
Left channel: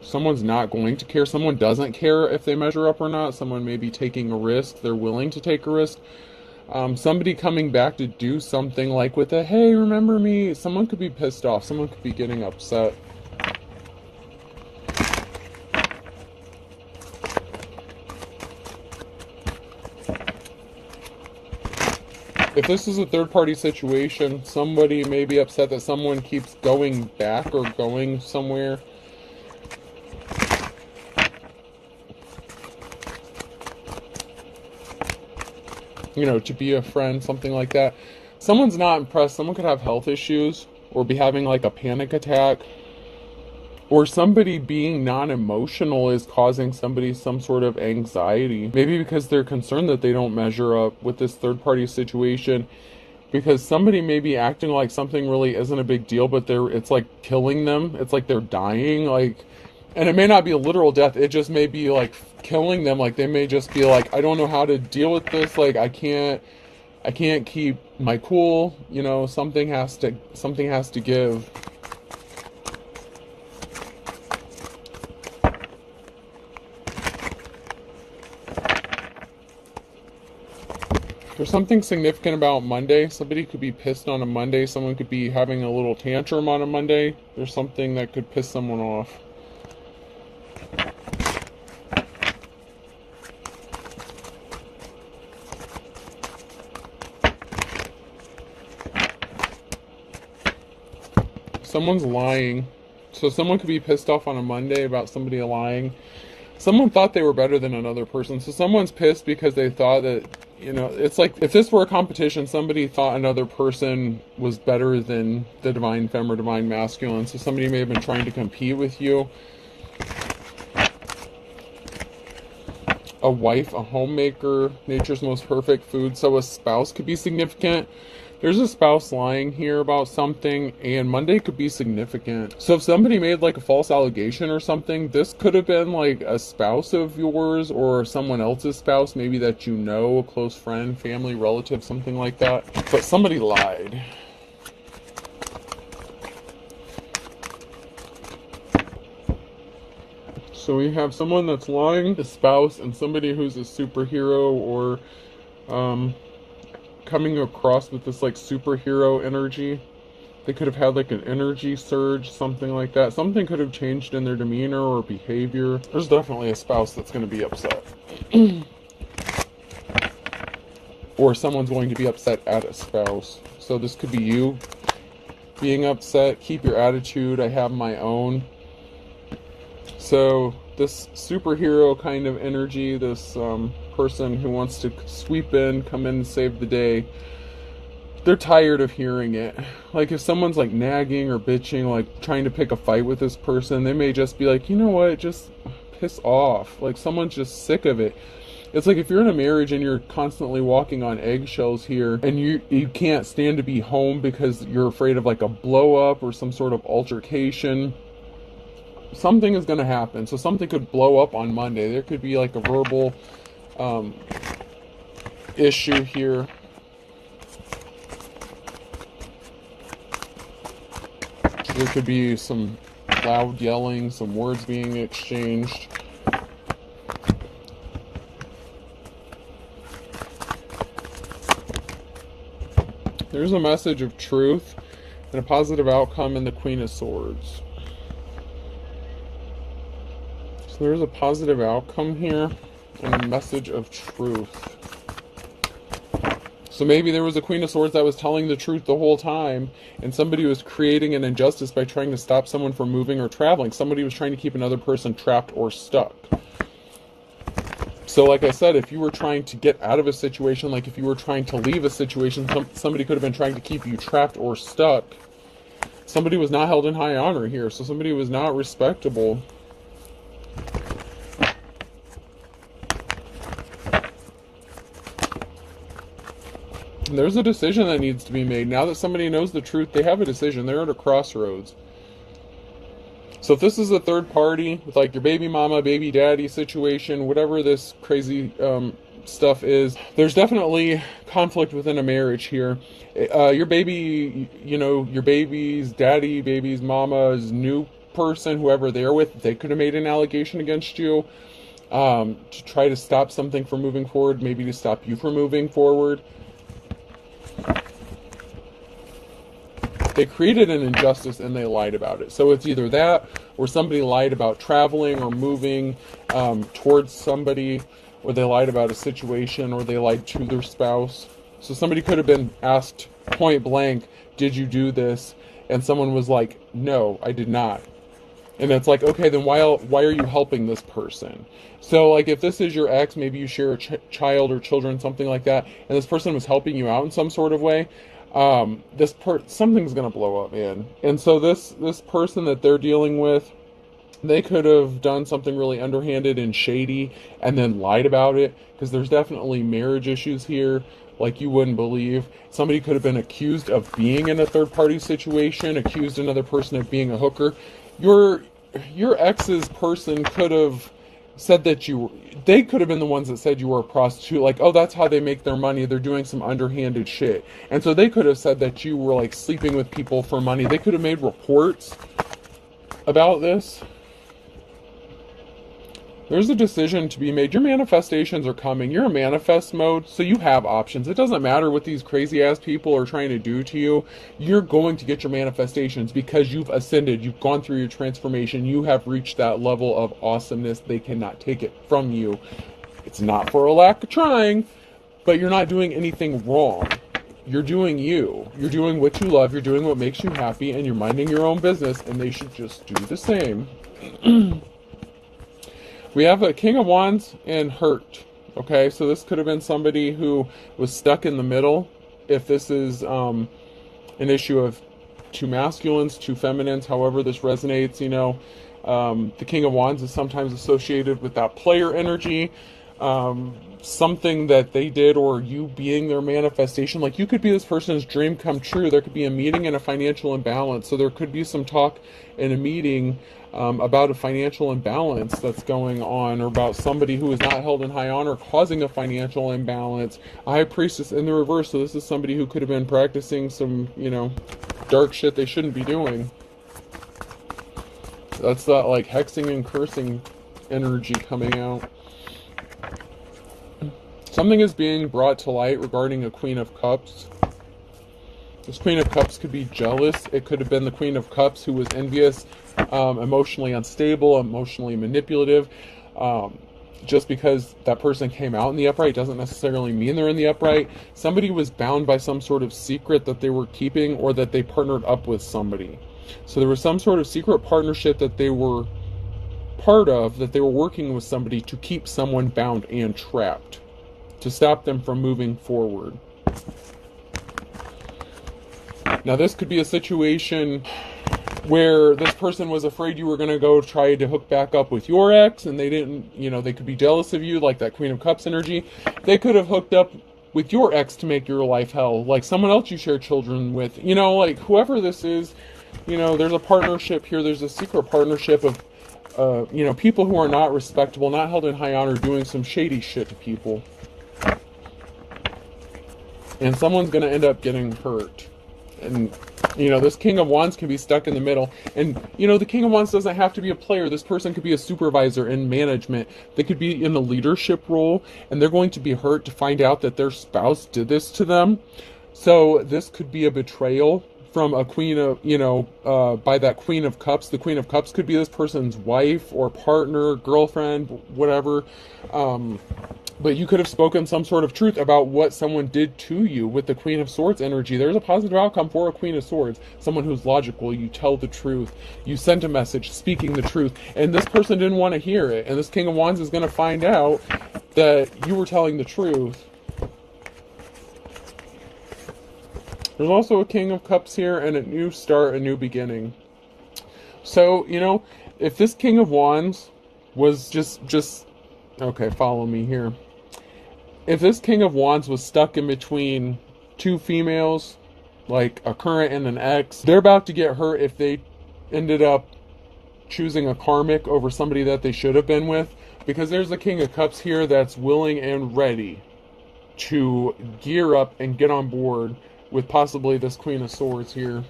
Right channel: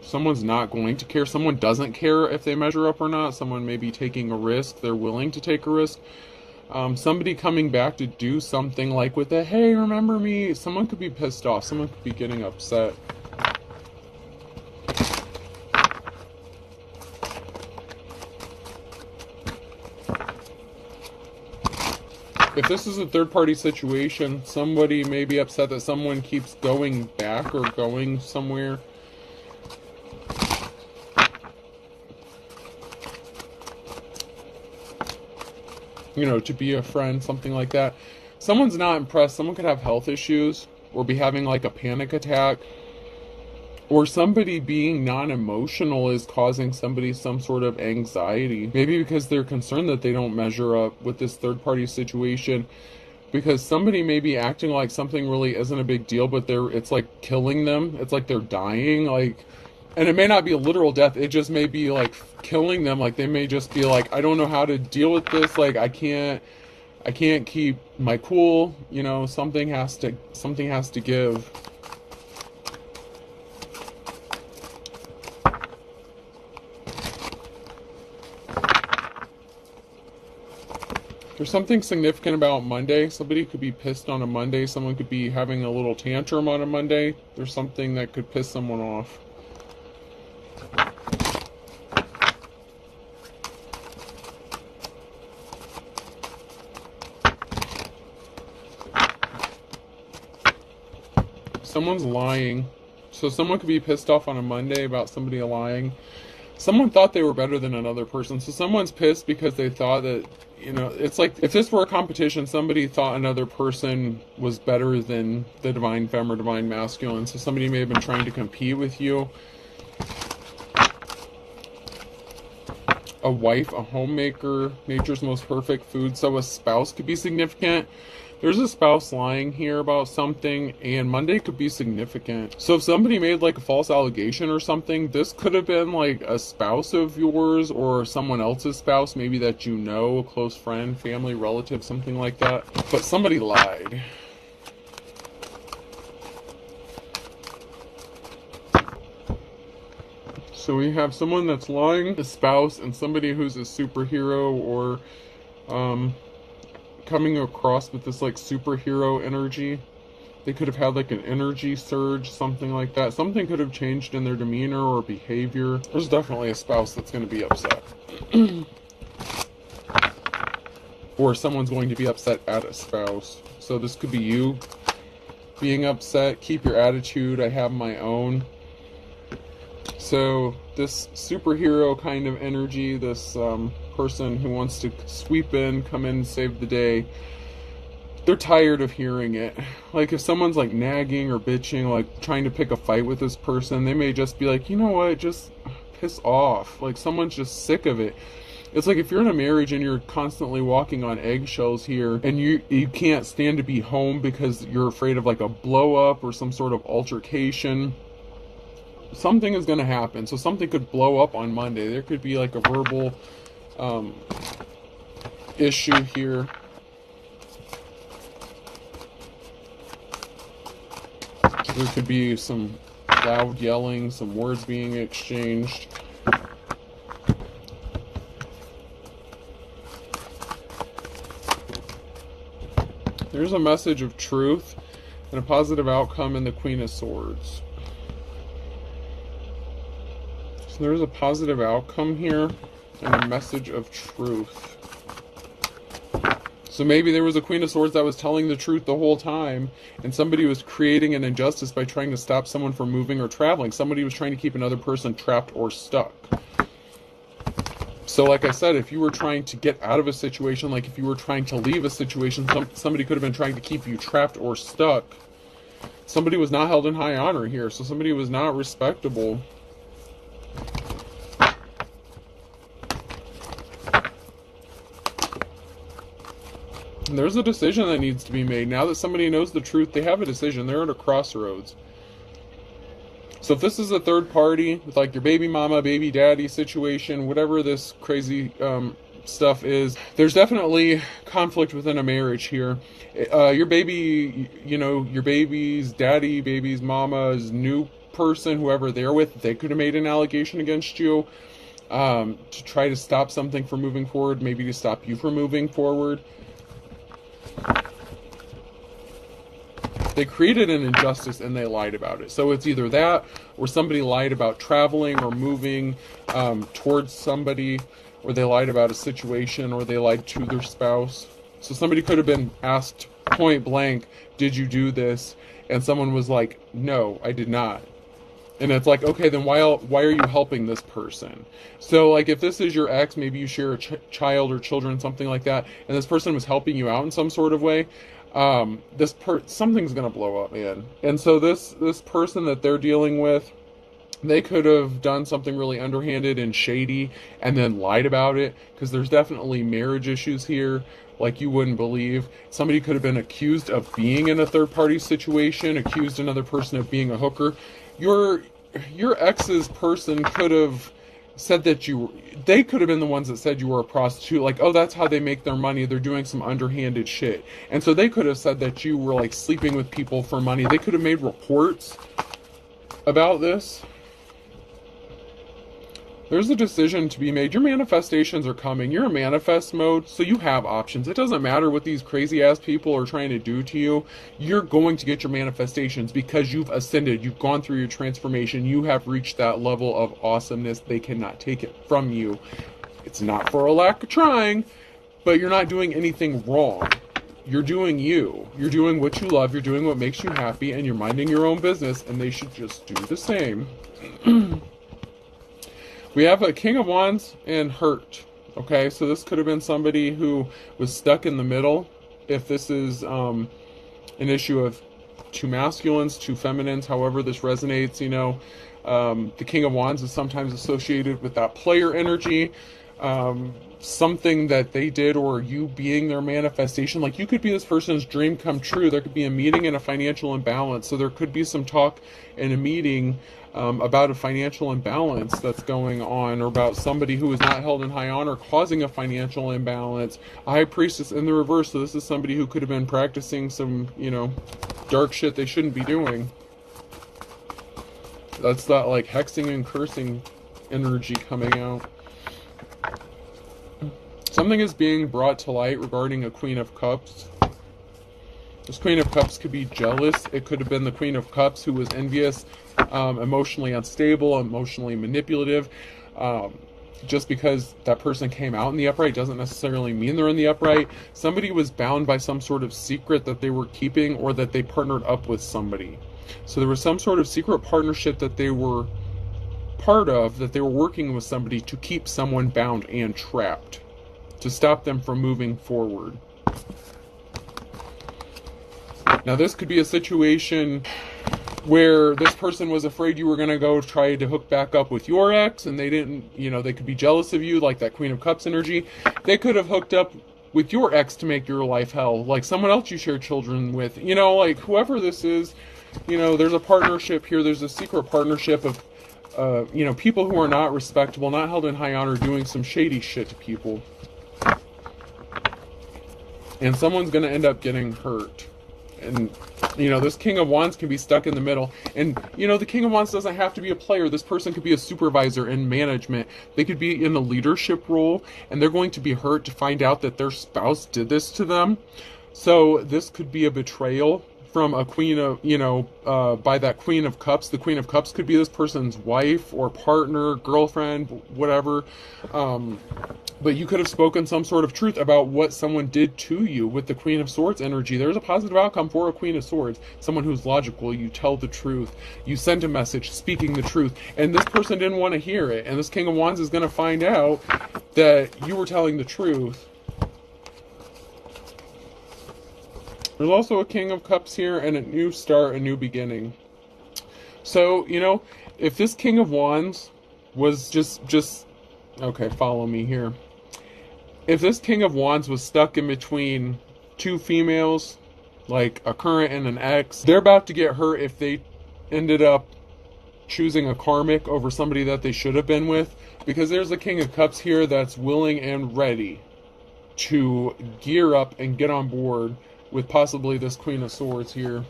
Someone's not going to care. Someone doesn't care if they measure up or not. Someone may be taking a risk. They're willing to take a risk. Somebody coming back to do something like with a, hey, remember me? Someone could be pissed off. Someone could be getting upset. If this is a third-party situation, somebody may be upset that someone keeps going back or going somewhere. To be a friend, something like that. someone's not impressed. Someone could have health issues or be having like a panic attack, or somebody being non-emotional is causing somebody some sort of anxiety. Maybe because they're concerned that they don't measure up with this third-party situation, because somebody may be acting like something really isn't a big deal, but it's like killing them. It's like they're dying, like, and it may not be a literal death. It just may be like killing them. Like they may just be like, I don't know how to deal with this. Like I can't keep my cool. You know, something has to give. There's something significant about Monday. Somebody could be pissed on a Monday. Someone could be having a little tantrum on a Monday. There's something that could piss someone off. Someone's lying. So someone could be pissed off on a Monday about somebody lying. Someone thought they were better than another person. So someone's pissed because they thought that, you know, it's like if this were a competition, somebody thought another person was better than the divine femme or divine masculine. So somebody may have been trying to compete with you. A wife, a homemaker, nature's most perfect food. So a spouse could be significant. There's a spouse lying here about something, and Monday could be significant. So if somebody made like a false allegation or something, this could have been like a spouse of yours or someone else's spouse, maybe that you know, a close friend, family, relative, something like that. But somebody lied. So we have someone that's lying, a spouse, and somebody who's a superhero or coming across with this like superhero energy. They could have had like an energy surge, something like that. Something could have changed in their demeanor or behavior. There's definitely a spouse that's going to be upset. Or someone's going to be upset at a spouse. So this could be you being upset. Keep your attitude. I have my own. So this superhero kind of energy, this person who wants to sweep in, come in and save the day, they're tired of hearing it. Like if someone's like nagging or bitching, like trying to pick a fight with this person, they may just be like, you know what, just piss off. Like someone's just sick of it. It's like if you're in a marriage and you're constantly walking on eggshells here, and you can't stand to be home because you're afraid of like a blow up or some sort of altercation. Something is going to happen. So something could blow up on Monday. There could be like a verbal issue here. There could be some loud yelling, some words being exchanged. There's a message of truth and a positive outcome in the Queen of Swords. So there's a positive outcome here and a message of truth. So maybe there was a Queen of Swords that was telling the truth the whole time, and somebody was creating an injustice by trying to stop someone from moving or traveling. Somebody was trying to keep another person trapped or stuck. So like I said, if you were trying to get out of a situation, like if you were trying to leave a situation, somebody could have been trying to keep you trapped or stuck. Somebody was not held in high honor here, so somebody was not respectable. And there's a decision that needs to be made. Now that somebody knows the truth, they have a decision. They're at a crossroads. So if this is a third party, with like your baby mama, baby daddy situation, whatever this crazy stuff is, there's definitely conflict within a marriage here. Your baby, you know, your baby's daddy, baby's mama's new person, whoever they're with, they could have made an allegation against you to try to stop something from moving forward, maybe to stop you from moving forward. They created an injustice and they lied about it. So it's either that, or somebody lied about traveling or moving towards somebody, or they lied about a situation, or they lied to their spouse. So somebody could have been asked point blank, did you do this? And someone was like, no, I did not. And it's like, okay, then why are you helping this person? So like if this is your ex, maybe you share a child or children, something like that, and this person was helping you out in some sort of way, Something's gonna blow up, man. And so this person that they're dealing with, they could have done something really underhanded and shady and then lied about it, because there's definitely marriage issues here like you wouldn't believe. Somebody could have been accused of being in a third-party situation, accused another person of being a hooker. Your ex's person could have said that they could have been the ones that said you were a prostitute, like, oh, that's how they make their money, they're doing some underhanded shit. And so they could have said that you were like sleeping with people for money. They could have made reports about this. There's a decision to be made. Your manifestations are coming. You're in manifest mode, so you have options. It doesn't matter what these crazy ass people are trying to do to you. You're going to get your manifestations because you've ascended. You've gone through your transformation. You have reached that level of awesomeness. They cannot take it from you. It's not for a lack of trying, but you're not doing anything wrong. You're doing you. You're doing what you love. You're doing what makes you happy, and you're minding your own business, and they should just do the same. We have a King of Wands and hurt. Okay, so this could have been somebody who was stuck in the middle. If this is an issue of two masculines, two feminines, however this resonates, the King of Wands is sometimes associated with that player energy. Something that they did, or you being their manifestation. Like, you could be this person's dream come true. There could be a meeting and a financial imbalance. So there could be some talk in a meeting about a financial imbalance that's going on, or about somebody who is not held in high honor causing a financial imbalance. A High Priestess in the reverse. So this is somebody who could have been practicing some, dark shit they shouldn't be doing. That's that, like, hexing and cursing energy coming out. Something is being brought to light regarding a Queen of Cups. This Queen of Cups could be jealous. It could have been the Queen of Cups who was envious, emotionally unstable, emotionally manipulative. Just because that person came out in the upright doesn't necessarily mean they're in the upright. Somebody was bound by some sort of secret that they were keeping, or that they partnered up with somebody. So there was some sort of secret partnership that they were part of, that they were working with somebody to keep someone bound and trapped, to stop them from moving forward. Now, this could be a situation where this person was afraid you were going to go try to hook back up with your ex, and they didn't, they could be jealous of you, like that Queen of Cups energy. They could have hooked up with your ex to make your life hell, like someone else you share children with, like whoever this is, there's a partnership here. There's a secret partnership of, people who are not respectable, not held in high honor, doing some shady shit to people. And someone's going to end up getting hurt. And, this King of Wands can be stuck in the middle. And, the King of Wands doesn't have to be a player. This person could be a supervisor in management. They could be in a leadership role, and they're going to be hurt to find out that their spouse did this to them. So this could be a betrayal from a queen of, by that Queen of Cups. The Queen of Cups could be this person's wife or partner, girlfriend, whatever. But you could have spoken some sort of truth about what someone did to you with the Queen of Swords energy. There's a positive outcome for a Queen of Swords. Someone who's logical. You tell the truth. You send a message speaking the truth. And this person didn't want to hear it. And this King of Wands is going to find out that you were telling the truth. There's also a King of Cups here and a new start, a new beginning. So, if this King of Wands was just okay, follow me here. If this King of Wands was stuck in between two females, like a current and an ex, they're about to get hurt if they ended up choosing a karmic over somebody that they should have been with, because there's a King of Cups here that's willing and ready to gear up and get on board with possibly this Queen of Swords here.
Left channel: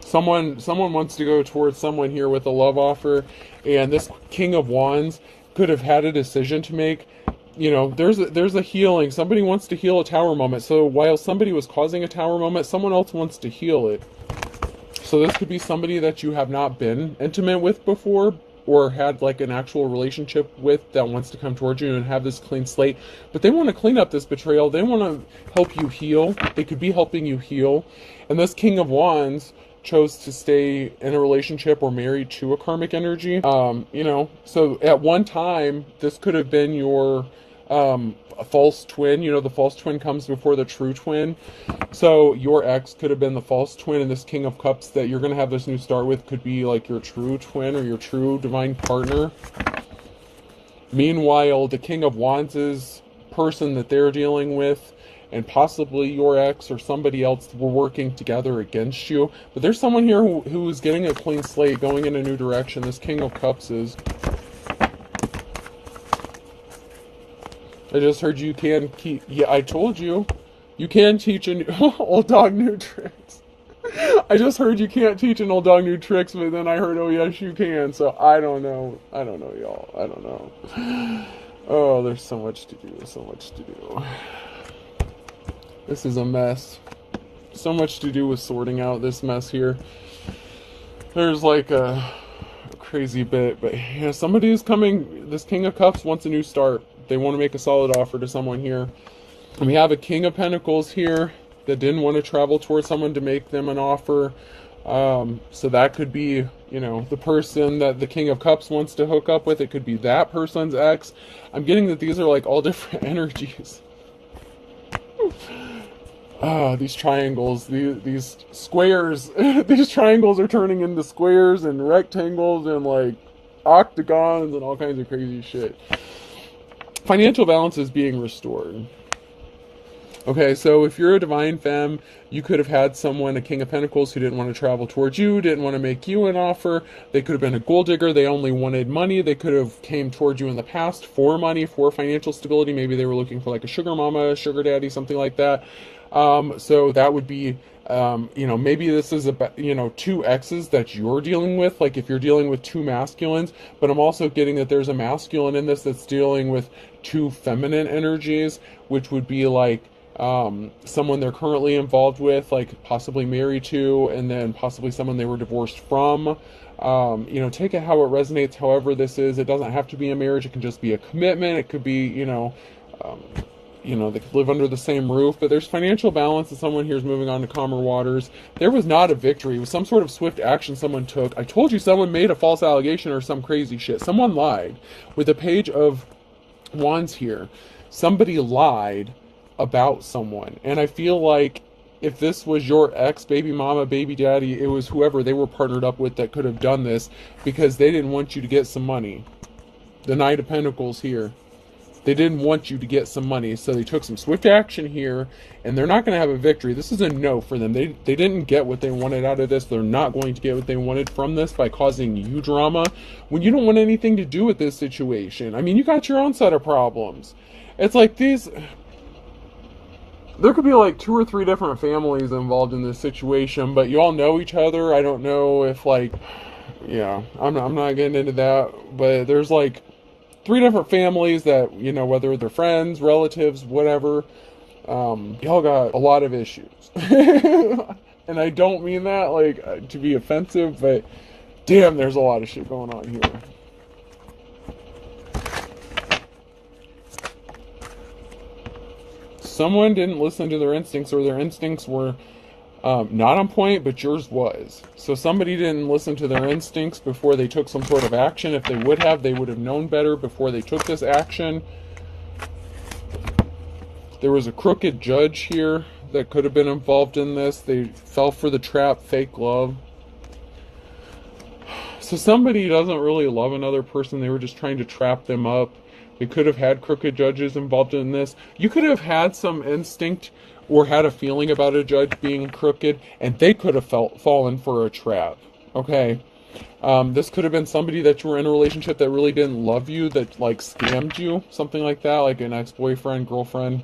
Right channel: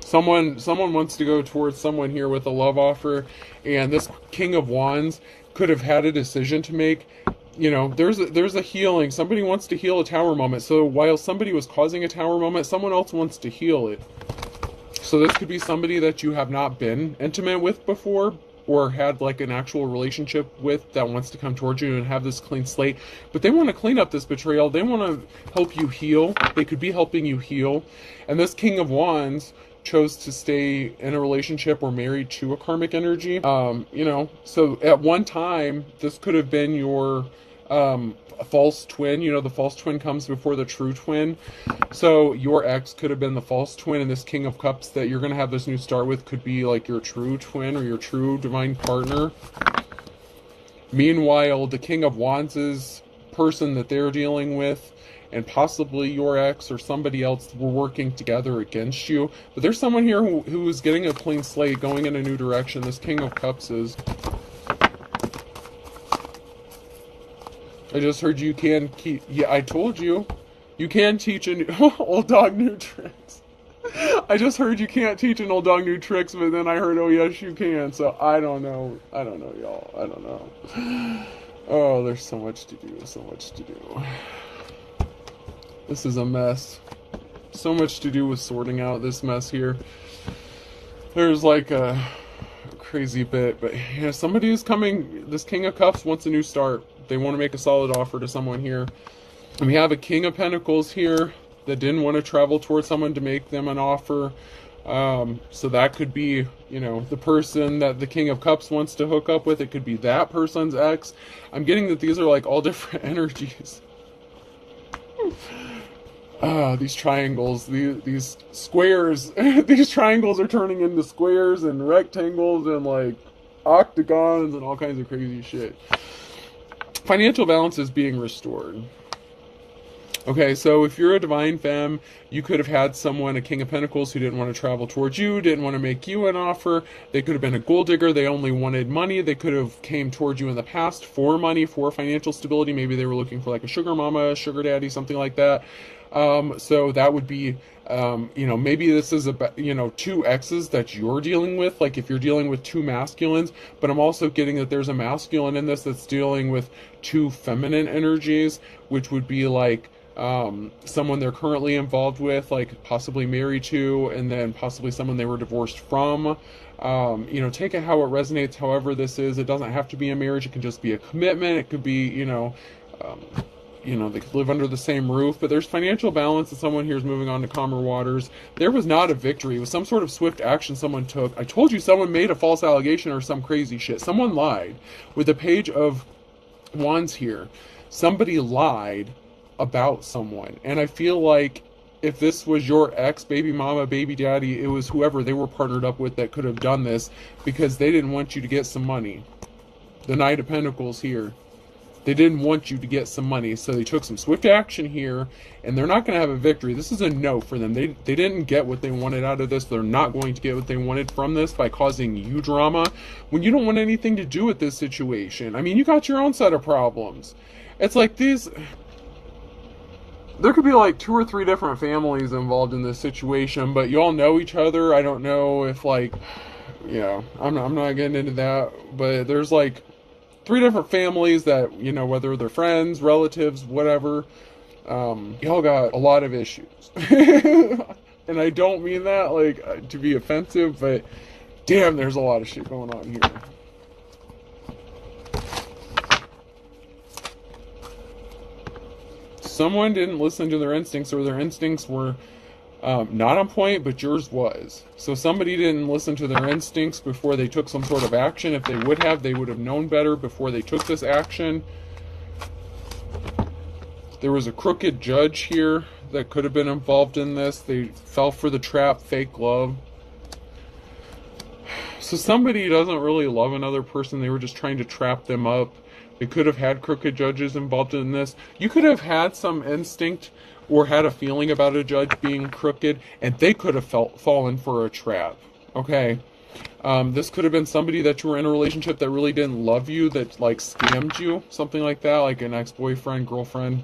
Someone wants to go towards someone here with a love offer, and this King of Wands could have had a decision to make. There's a healing. Somebody wants to heal a tower moment. So while somebody was causing a tower moment, someone else wants to heal it. So this could be somebody that you have not been intimate with before, or had like an actual relationship with, that wants to come towards you and have this clean slate. But they want to clean up this betrayal. They want to help you heal. They could be helping you heal. And this King of Wands chose to stay in a relationship or married to a karmic energy. So at one time, this could have been your A false twin. You know, the false twin comes before the true twin. So your ex could have been the false twin, and this King of Cups that you're going to have this new start with could be like your true twin or your true divine partner. Meanwhile, the King of Wands is person that they're dealing with, and possibly your ex or somebody else were working together against you. But there's someone here who is getting a clean slate, going in a new direction. This King of Cups is. I just heard you can keep. Yeah, I told you. You can teach an old dog new tricks. I just heard you can't teach an old dog new tricks, but then I heard, oh yes, you can. So I don't know. I don't know, y'all. I don't know. Oh, there's so much to do. So much to do. This is a mess. So much to do with sorting out this mess here. There's like a crazy bit, but you know, somebody who's coming. This King of Cups wants a new start. They want to make a solid offer to someone here. And we have a King of Pentacles here that didn't want to travel towards someone to make them an offer. So that could be, you know, the person that the King of Cups wants to hook up with. It could be that person's ex. I'm getting that these are like all different energies. These triangles, these squares, these triangles are turning into squares and rectangles and like octagons and all kinds of crazy shit. Financial balance is being restored. Okay, so if you're a divine femme, you could have had someone, a King of Pentacles, who didn't want to travel towards you, didn't want to make you an offer. They could have been a gold digger. They only wanted money. They could have came towards you in the past for money, for financial stability. Maybe they were looking for like a sugar mama, sugar daddy, something like that. So that would be, you know, maybe this is about, you know, two exes that you're dealing with. Like if you're dealing with two masculines, but I'm also getting that there's a masculine in this that's dealing with two feminine energies, which would be like, someone they're currently involved with, like possibly married to, and then possibly someone they were divorced from. You know, take it how it resonates, however this is. It doesn't have to be a marriage. It can just be a commitment. It could be, you know, they could live under the same roof, but there's financial balance and someone here is moving on to calmer waters. There was not a victory. It was some sort of swift action someone took. I told you someone made a false allegation or some crazy shit. Someone lied. With the Page of Wands here, somebody lied about someone, and I feel like if this was your ex, baby mama, baby daddy, it was whoever they were partnered up with that could have done this, because they didn't want you to get some money. The Knight of Pentacles here, they didn't want you to get some money, so they took some swift action here, and they're not going to have a victory. This is a no for them. They didn't get what they wanted out of this. They're not going to get what they wanted from this by causing you drama when you don't want anything to do with this situation. I mean, you got your own set of problems. It's like these. There could be like 2 or 3 different families involved in this situation, but you all know each other. I don't know if like, yeah, I'm not getting into that, but there's like 3 different families that, you know, whether they're friends, relatives, whatever, y'all got a lot of issues. And I don't mean that like to be offensive, but damn, there's a lot of shit going on here. Someone didn't listen to their instincts, or their instincts were not on point, but yours was. So somebody didn't listen to their instincts before they took some sort of action. If they would have known better before they took this action. There was a crooked judge here that could have been involved in this. They fell for the trap, fake love. So somebody doesn't really love another person. They were just trying to trap them up. They could have had crooked judges involved in this. You could have had some instinct or had a feeling about a judge being crooked, and they could have fallen for a trap. Okay? This could have been somebody that you were in a relationship that really didn't love you, that like scammed you, something like that, like an ex-boyfriend, girlfriend.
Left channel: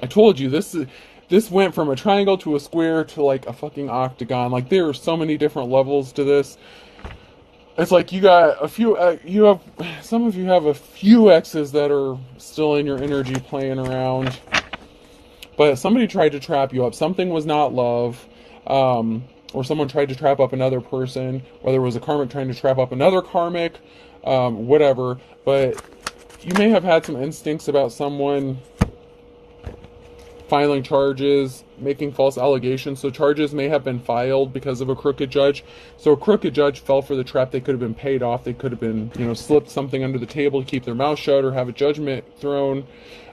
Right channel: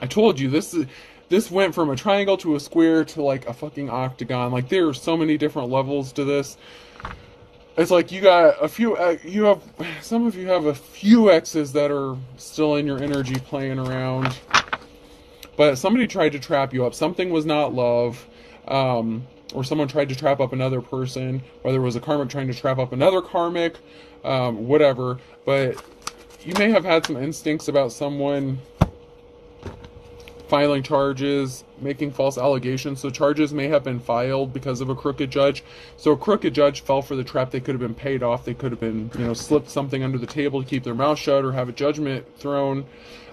I told you, this went from a triangle to a square to like a fucking octagon. Like there are so many different levels to this. It's like you got a few, some of you have a few exes that are still in your energy playing around. But somebody tried to trap you up. Something was not love. Or someone tried to trap up another person. Whether it was a karmic trying to trap up another karmic. Whatever. But you may have had some instincts about someone filing charges, making false allegations. So charges may have been filed because of a crooked judge. So a crooked judge fell for the trap. They could have been paid off. They could have been, slipped something under the table to keep their mouth shut or have a judgment thrown,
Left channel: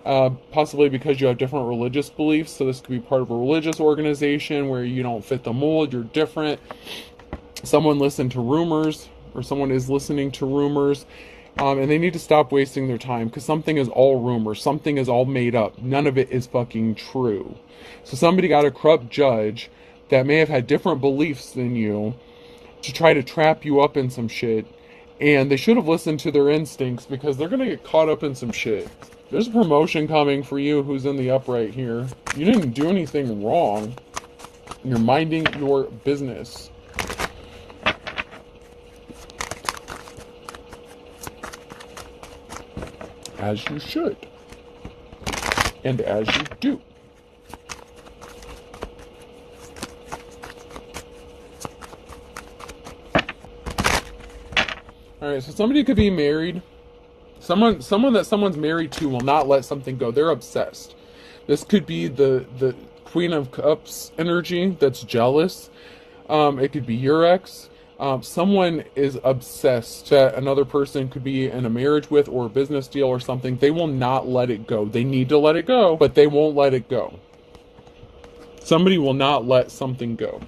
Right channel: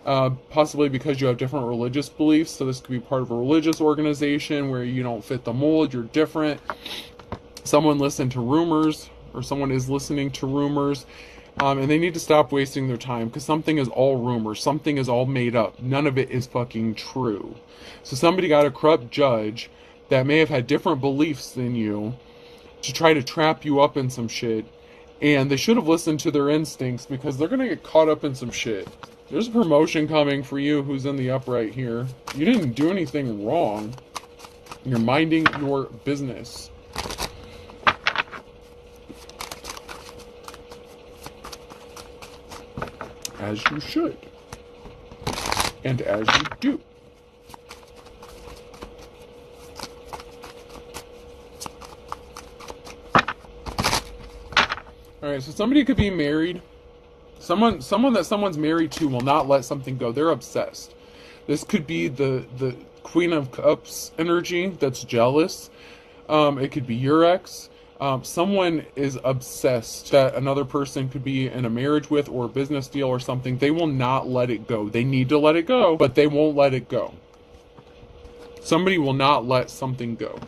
possibly because you have different religious beliefs. So this could be part of a religious organization where you don't fit the mold, you're different. Someone listened to rumors, or someone is listening to rumors. And they need to stop wasting their time, because something is all rumors. Something is all made up. None of it is fucking true. So somebody got a corrupt judge that may have had different beliefs than you to try to trap you up in some shit. And they should have listened to their instincts, because they're going to get caught up in some shit. There's a promotion coming for you who's in the upright here. You didn't do anything wrong. You're minding your business. As you should. And as you do. Alright, so somebody could be married. Someone that someone's married to will not let something go. They're obsessed. This could be the Queen of Cups energy that's jealous. It could be your ex. Someone is obsessed that another person could be in a marriage with, or a business deal or something. They will not let it go. They need to let it go, but they won't let it go. Somebody will not let something go.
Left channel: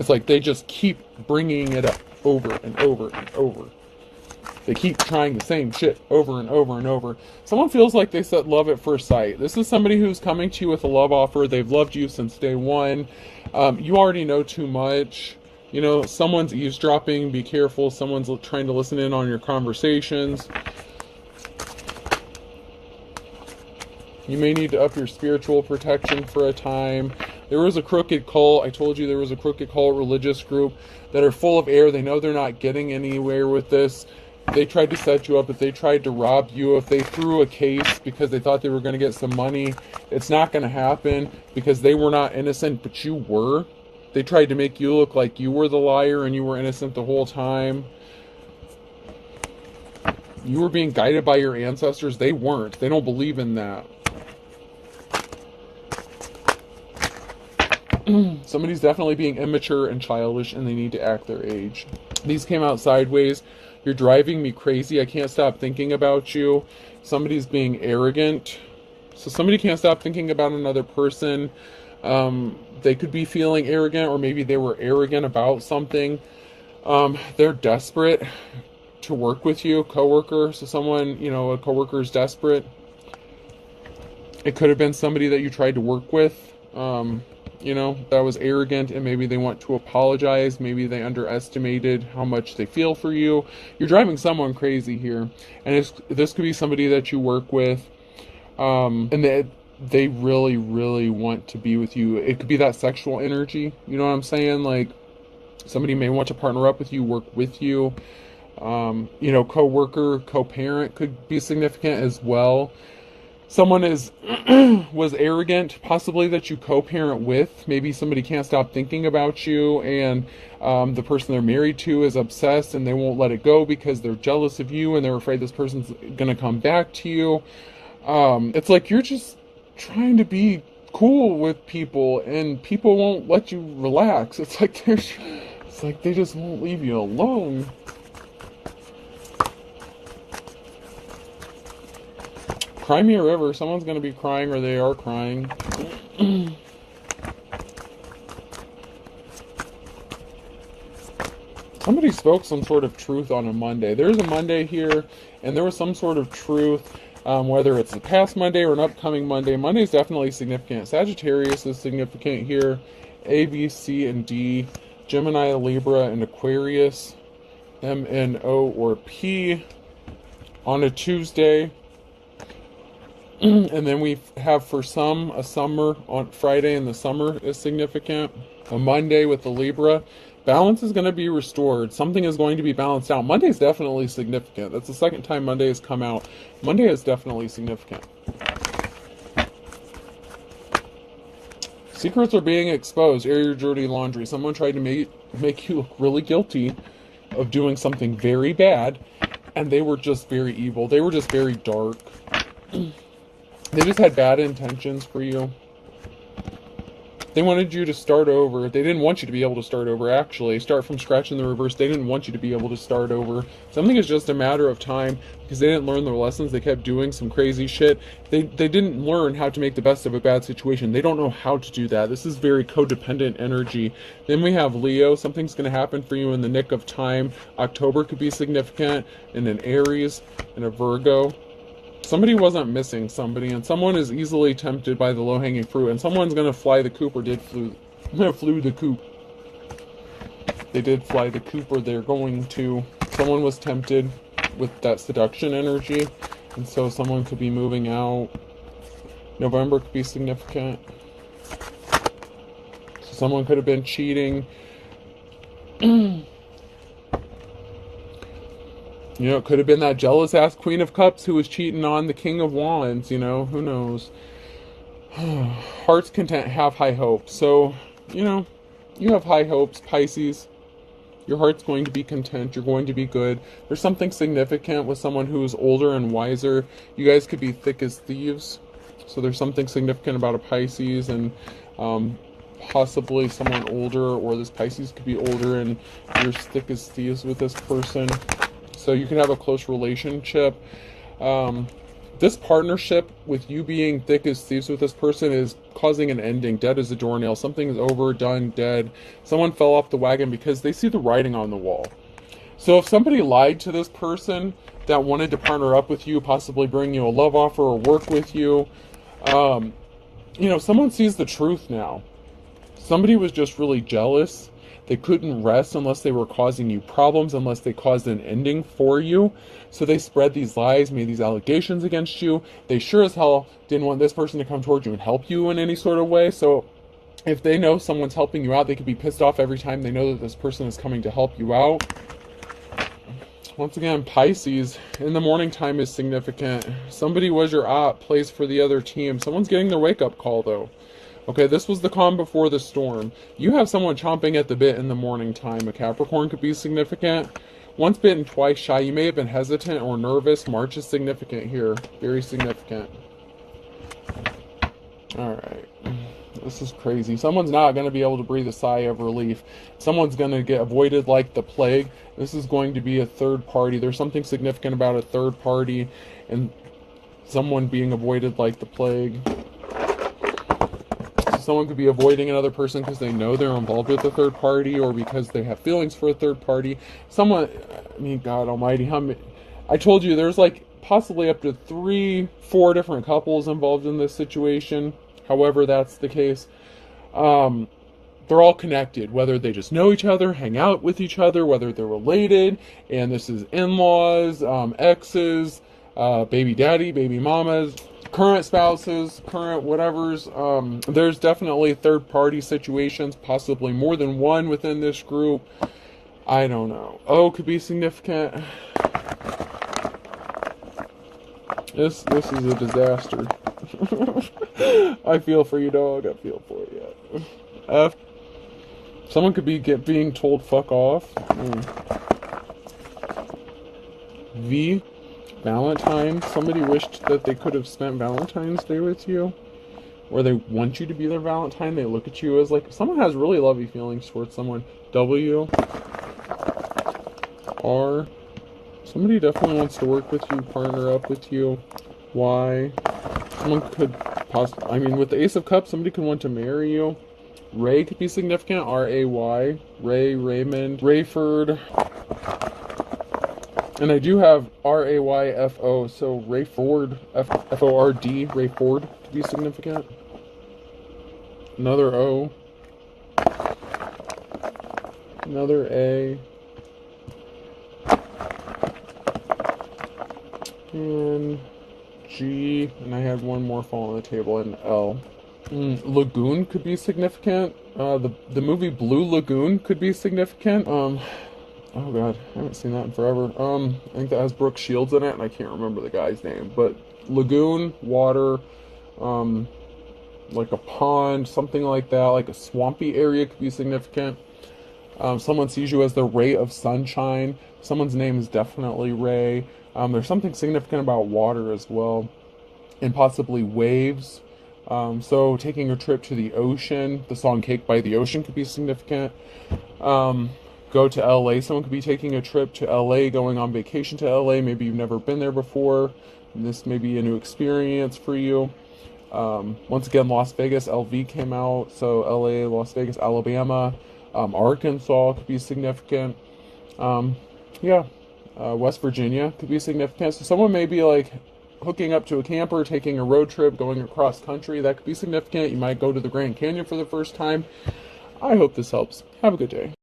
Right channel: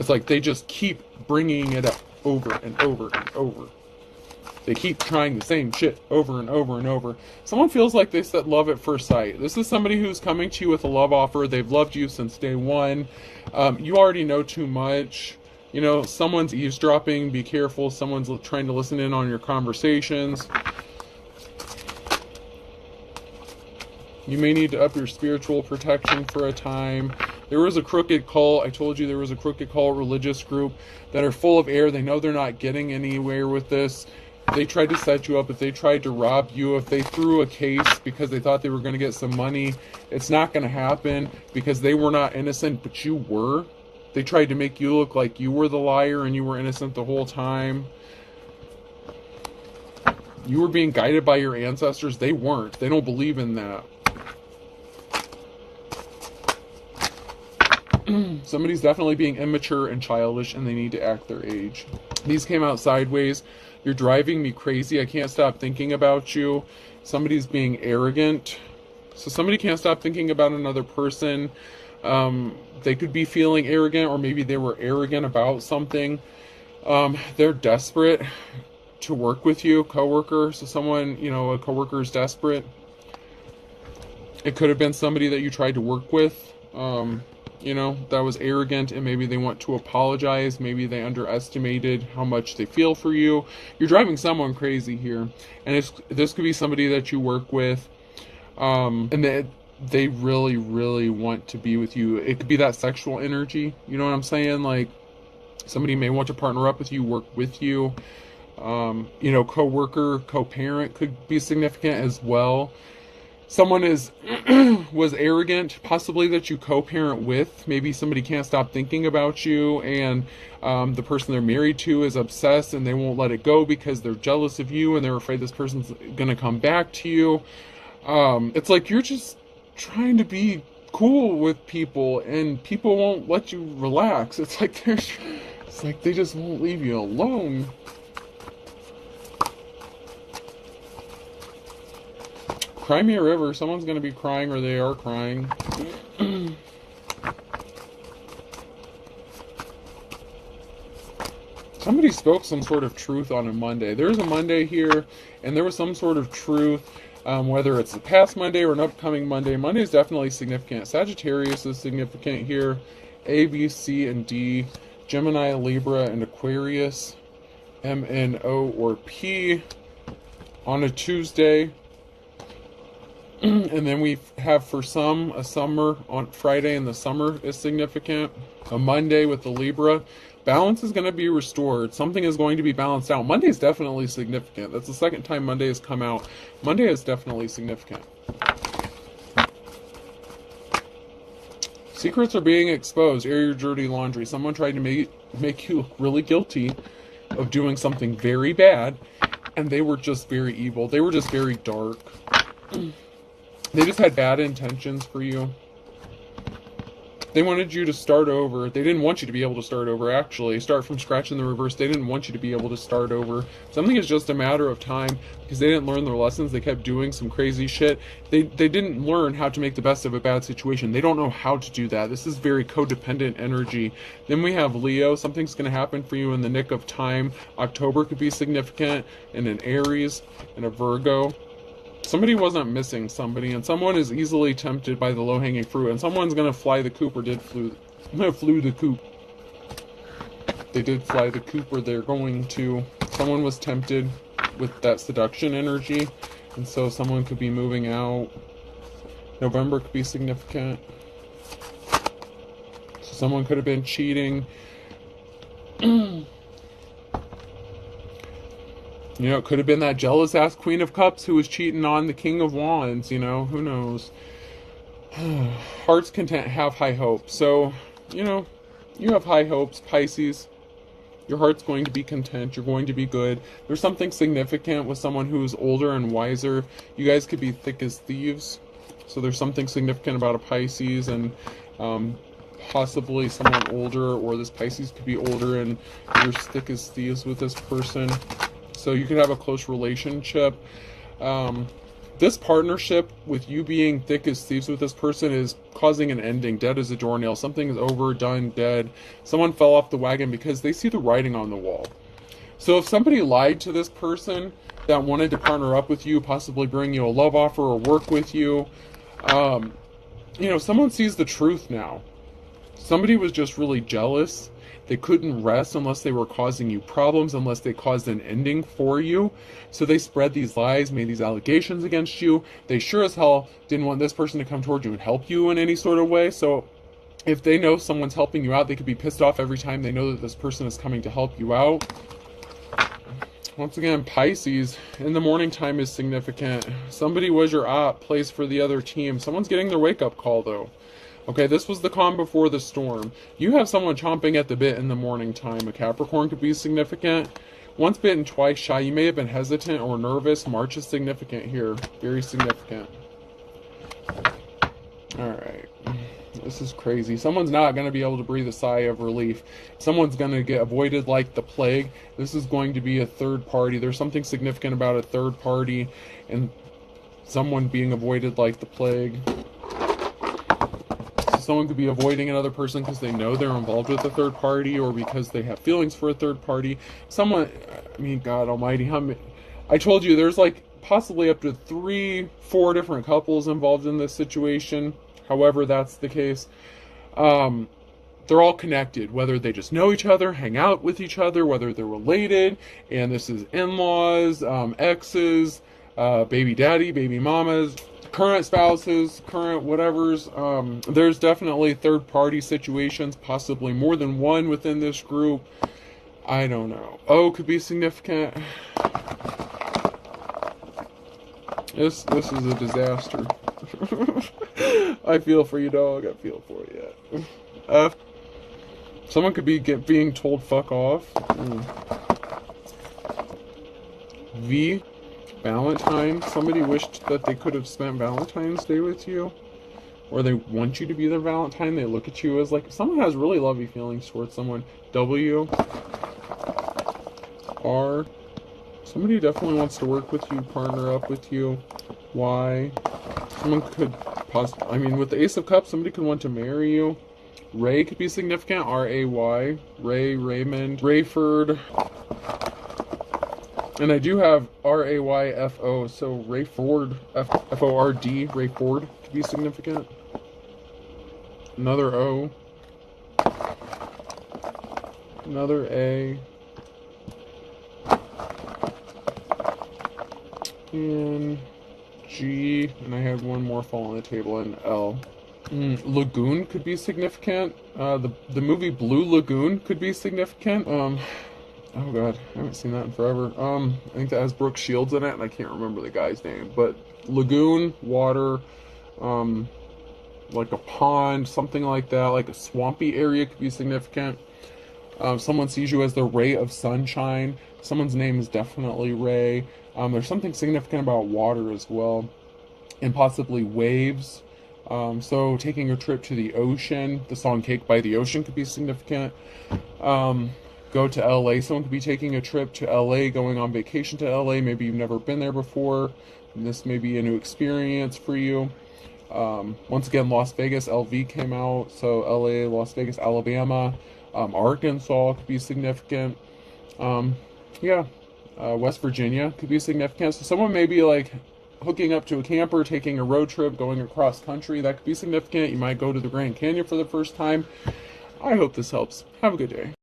It's like they just keep bringing it up over and over and over. They keep trying the same shit over and over and over. Someone feels like they said love at first sight. This is somebody who's coming to you with a love offer. They've loved you since day one. You already know too much. Someone's eavesdropping. Be careful. Someone's trying to listen in on your conversations. You may need to up your spiritual protection for a time. There was a crooked call. I told you there was a crooked call religious group that are full of air. They know they're not getting anywhere with this. If they tried to set you up, if they tried to rob you, if they threw a case because they thought they were going to get some money, it's not going to happen, because they were not innocent, but you were. They tried to make you look like you were the liar and you were innocent the whole time. You were being guided by your ancestors. They weren't. They don't believe in that. Somebody's definitely being immature and childish, and they need to act their age. These came out sideways. You're driving me crazy. I can't stop thinking about you. Somebody's being arrogant. So somebody can't stop thinking about another person. They could be feeling arrogant, or maybe they were arrogant about something. They're desperate to work with you, coworker. So someone, a coworker is desperate. It could have been somebody that you tried to work with, that was arrogant, and maybe they want to apologize. Maybe they underestimated how much they feel for you. You're driving someone crazy here. And this could be somebody that you work with. And they really, really want to be with you. It could be that sexual energy. You know what I'm saying? Like, somebody may want to partner up with you, work with you. Co-worker, co-parent could be significant as well. Someone was arrogant, possibly that you co-parent with. Maybe somebody can't stop thinking about you, and the person they're married to is obsessed, and they won't let it go because they're jealous of you, and they're afraid this person's going to come back to you. It's like you're just trying to be cool with people, and people won't let you relax. It's like they just won't leave you alone. Cry me a river. Someone's going to be crying, or they are crying. Somebody spoke some sort of truth on a Monday. There's a Monday here, and there was some sort of truth. Whether it's the past Monday or an upcoming Monday. Monday is definitely significant. Sagittarius is significant here. A, B, C, and D. Gemini, Libra, and Aquarius. M, N, O, or P. On a Tuesday. And then we have for some a summer on Friday, and the summer is significant. A Monday with the Libra. Balance is going to be restored. Something is going to be balanced out. Monday is definitely significant. That's the second time Monday has come out. Monday is definitely significant. Secrets are being exposed. Air your dirty laundry. Someone tried to make you look really guilty of doing something very bad, and they were just very evil. They were just very dark. They just had bad intentions for you. They wanted you to start over. They didn't want you to be able to start over, actually. Start from scratch in the reverse. They didn't want you to be able to start over. Something is just a matter of time because they didn't learn their lessons. They kept doing some crazy shit. They didn't learn how to make the best of a bad situation. They don't know how to do that. This is very codependent energy. Then we have Leo. Something's going to happen for you in the nick of time. October could be significant, and an Aries and a Virgo. Somebody wasn't missing somebody, and someone is easily tempted by the low-hanging fruit, and someone's going to fly the coop or flew the coop. They did fly the coop, or they're going to. Someone was tempted with that seduction energy, and so someone could be moving out. November could be significant. So someone could have been cheating. You know, it could have been that jealous-ass Queen of Cups who was cheating on the King of Wands, you know, who knows. Heart's content, have high hopes. So, you know, you have high hopes, Pisces. Your heart's going to be content. You're going to be good. There's something significant with someone who is older and wiser. You guys could be thick as thieves. So there's something significant about a Pisces, and possibly someone older, or this Pisces could be older and you're thick as thieves with this person. So you could have a close relationship. This partnership with you being thick as thieves with this person is causing an ending. Dead as a doornail. Something is over, done, dead. Someone fell off the wagon because they see the writing on the wall. So if somebody lied to this person that wanted to partner up with you, possibly bring you a love offer or work with you, you know, someone sees the truth now. Somebody was just really jealous. They couldn't rest unless they were causing you problems, unless they caused an ending for you. So they spread these lies, made these allegations against you. They sure as hell didn't want this person to come towards you and help you in any sort of way. So if they know someone's helping you out, they could be pissed off every time they know that this person is coming to help you out. Once again, Pisces, in the morning time is significant. Somebody was your op, plays for the other team. Someone's getting their wake-up call, though. Okay, this was the calm before the storm. You have someone chomping at the bit in the morning time. A Capricorn could be significant. Once bitten, twice shy. You may have been hesitant or nervous. March is significant here. Very significant. Alright. This is crazy. Someone's not going to be able to breathe a sigh of relief. Someone's going to get avoided like the plague. This is going to be a third party. There's something significant about a third party and someone being avoided like the plague. Someone could be avoiding another person because they know they're involved with a third party, or because they have feelings for a third party. Someone, I mean, God almighty, how many? I told you there's like possibly up to 3-4 different couples involved in this situation. However, that's the case. They're all connected, whether they just know each other, hang out with each other, whether they're related, and this is in-laws, exes, baby daddy, baby mamas, current spouses, current whatevers. There's definitely third-party situations, possibly more than one within this group. I don't know. Oh, could be significant. This is a disaster. I feel for you, dog. I feel for you. Someone could be being told fuck off. V. Valentine's. Somebody wished that they could have spent Valentine's Day with you, or they want you to be their Valentine. They look at you as like, if someone has really lovey feelings towards someone. W. R. Somebody definitely wants to work with you, partner up with you. Y. Someone could possibly, I mean, with the Ace of Cups, somebody could want to marry you. Ray could be significant. R-A-Y. Ray, Raymond, Rayford. And I do have R-A-Y-F-O, so Rayford, F-O-R-D, Rayford could be significant. Another O. Another A. And G. And I had one more fall on the table, and L. Lagoon could be significant. The movie Blue Lagoon could be significant. Oh god, I haven't seen that in forever. I think that has Brooke Shields in it, and I can't remember the guy's name. But lagoon, water, like a pond, something like that, like a swampy area could be significant. Someone sees you as the ray of sunshine. Someone's name is definitely Ray. There's something significant about water as well. and possibly waves. So taking a trip to the ocean, the song Cake by the Ocean could be significant. Go to LA. Someone could be taking a trip to LA, going on vacation to LA. Maybe you've never been there before. This may be a new experience for you. Once again, Las Vegas, LV came out. So LA, Las Vegas, Alabama, Arkansas could be significant. West Virginia could be significant. So someone may be like hooking up to a camper, taking a road trip, going across country. That could be significant. You might go to the Grand Canyon for the first time. I hope this helps. Have a good day.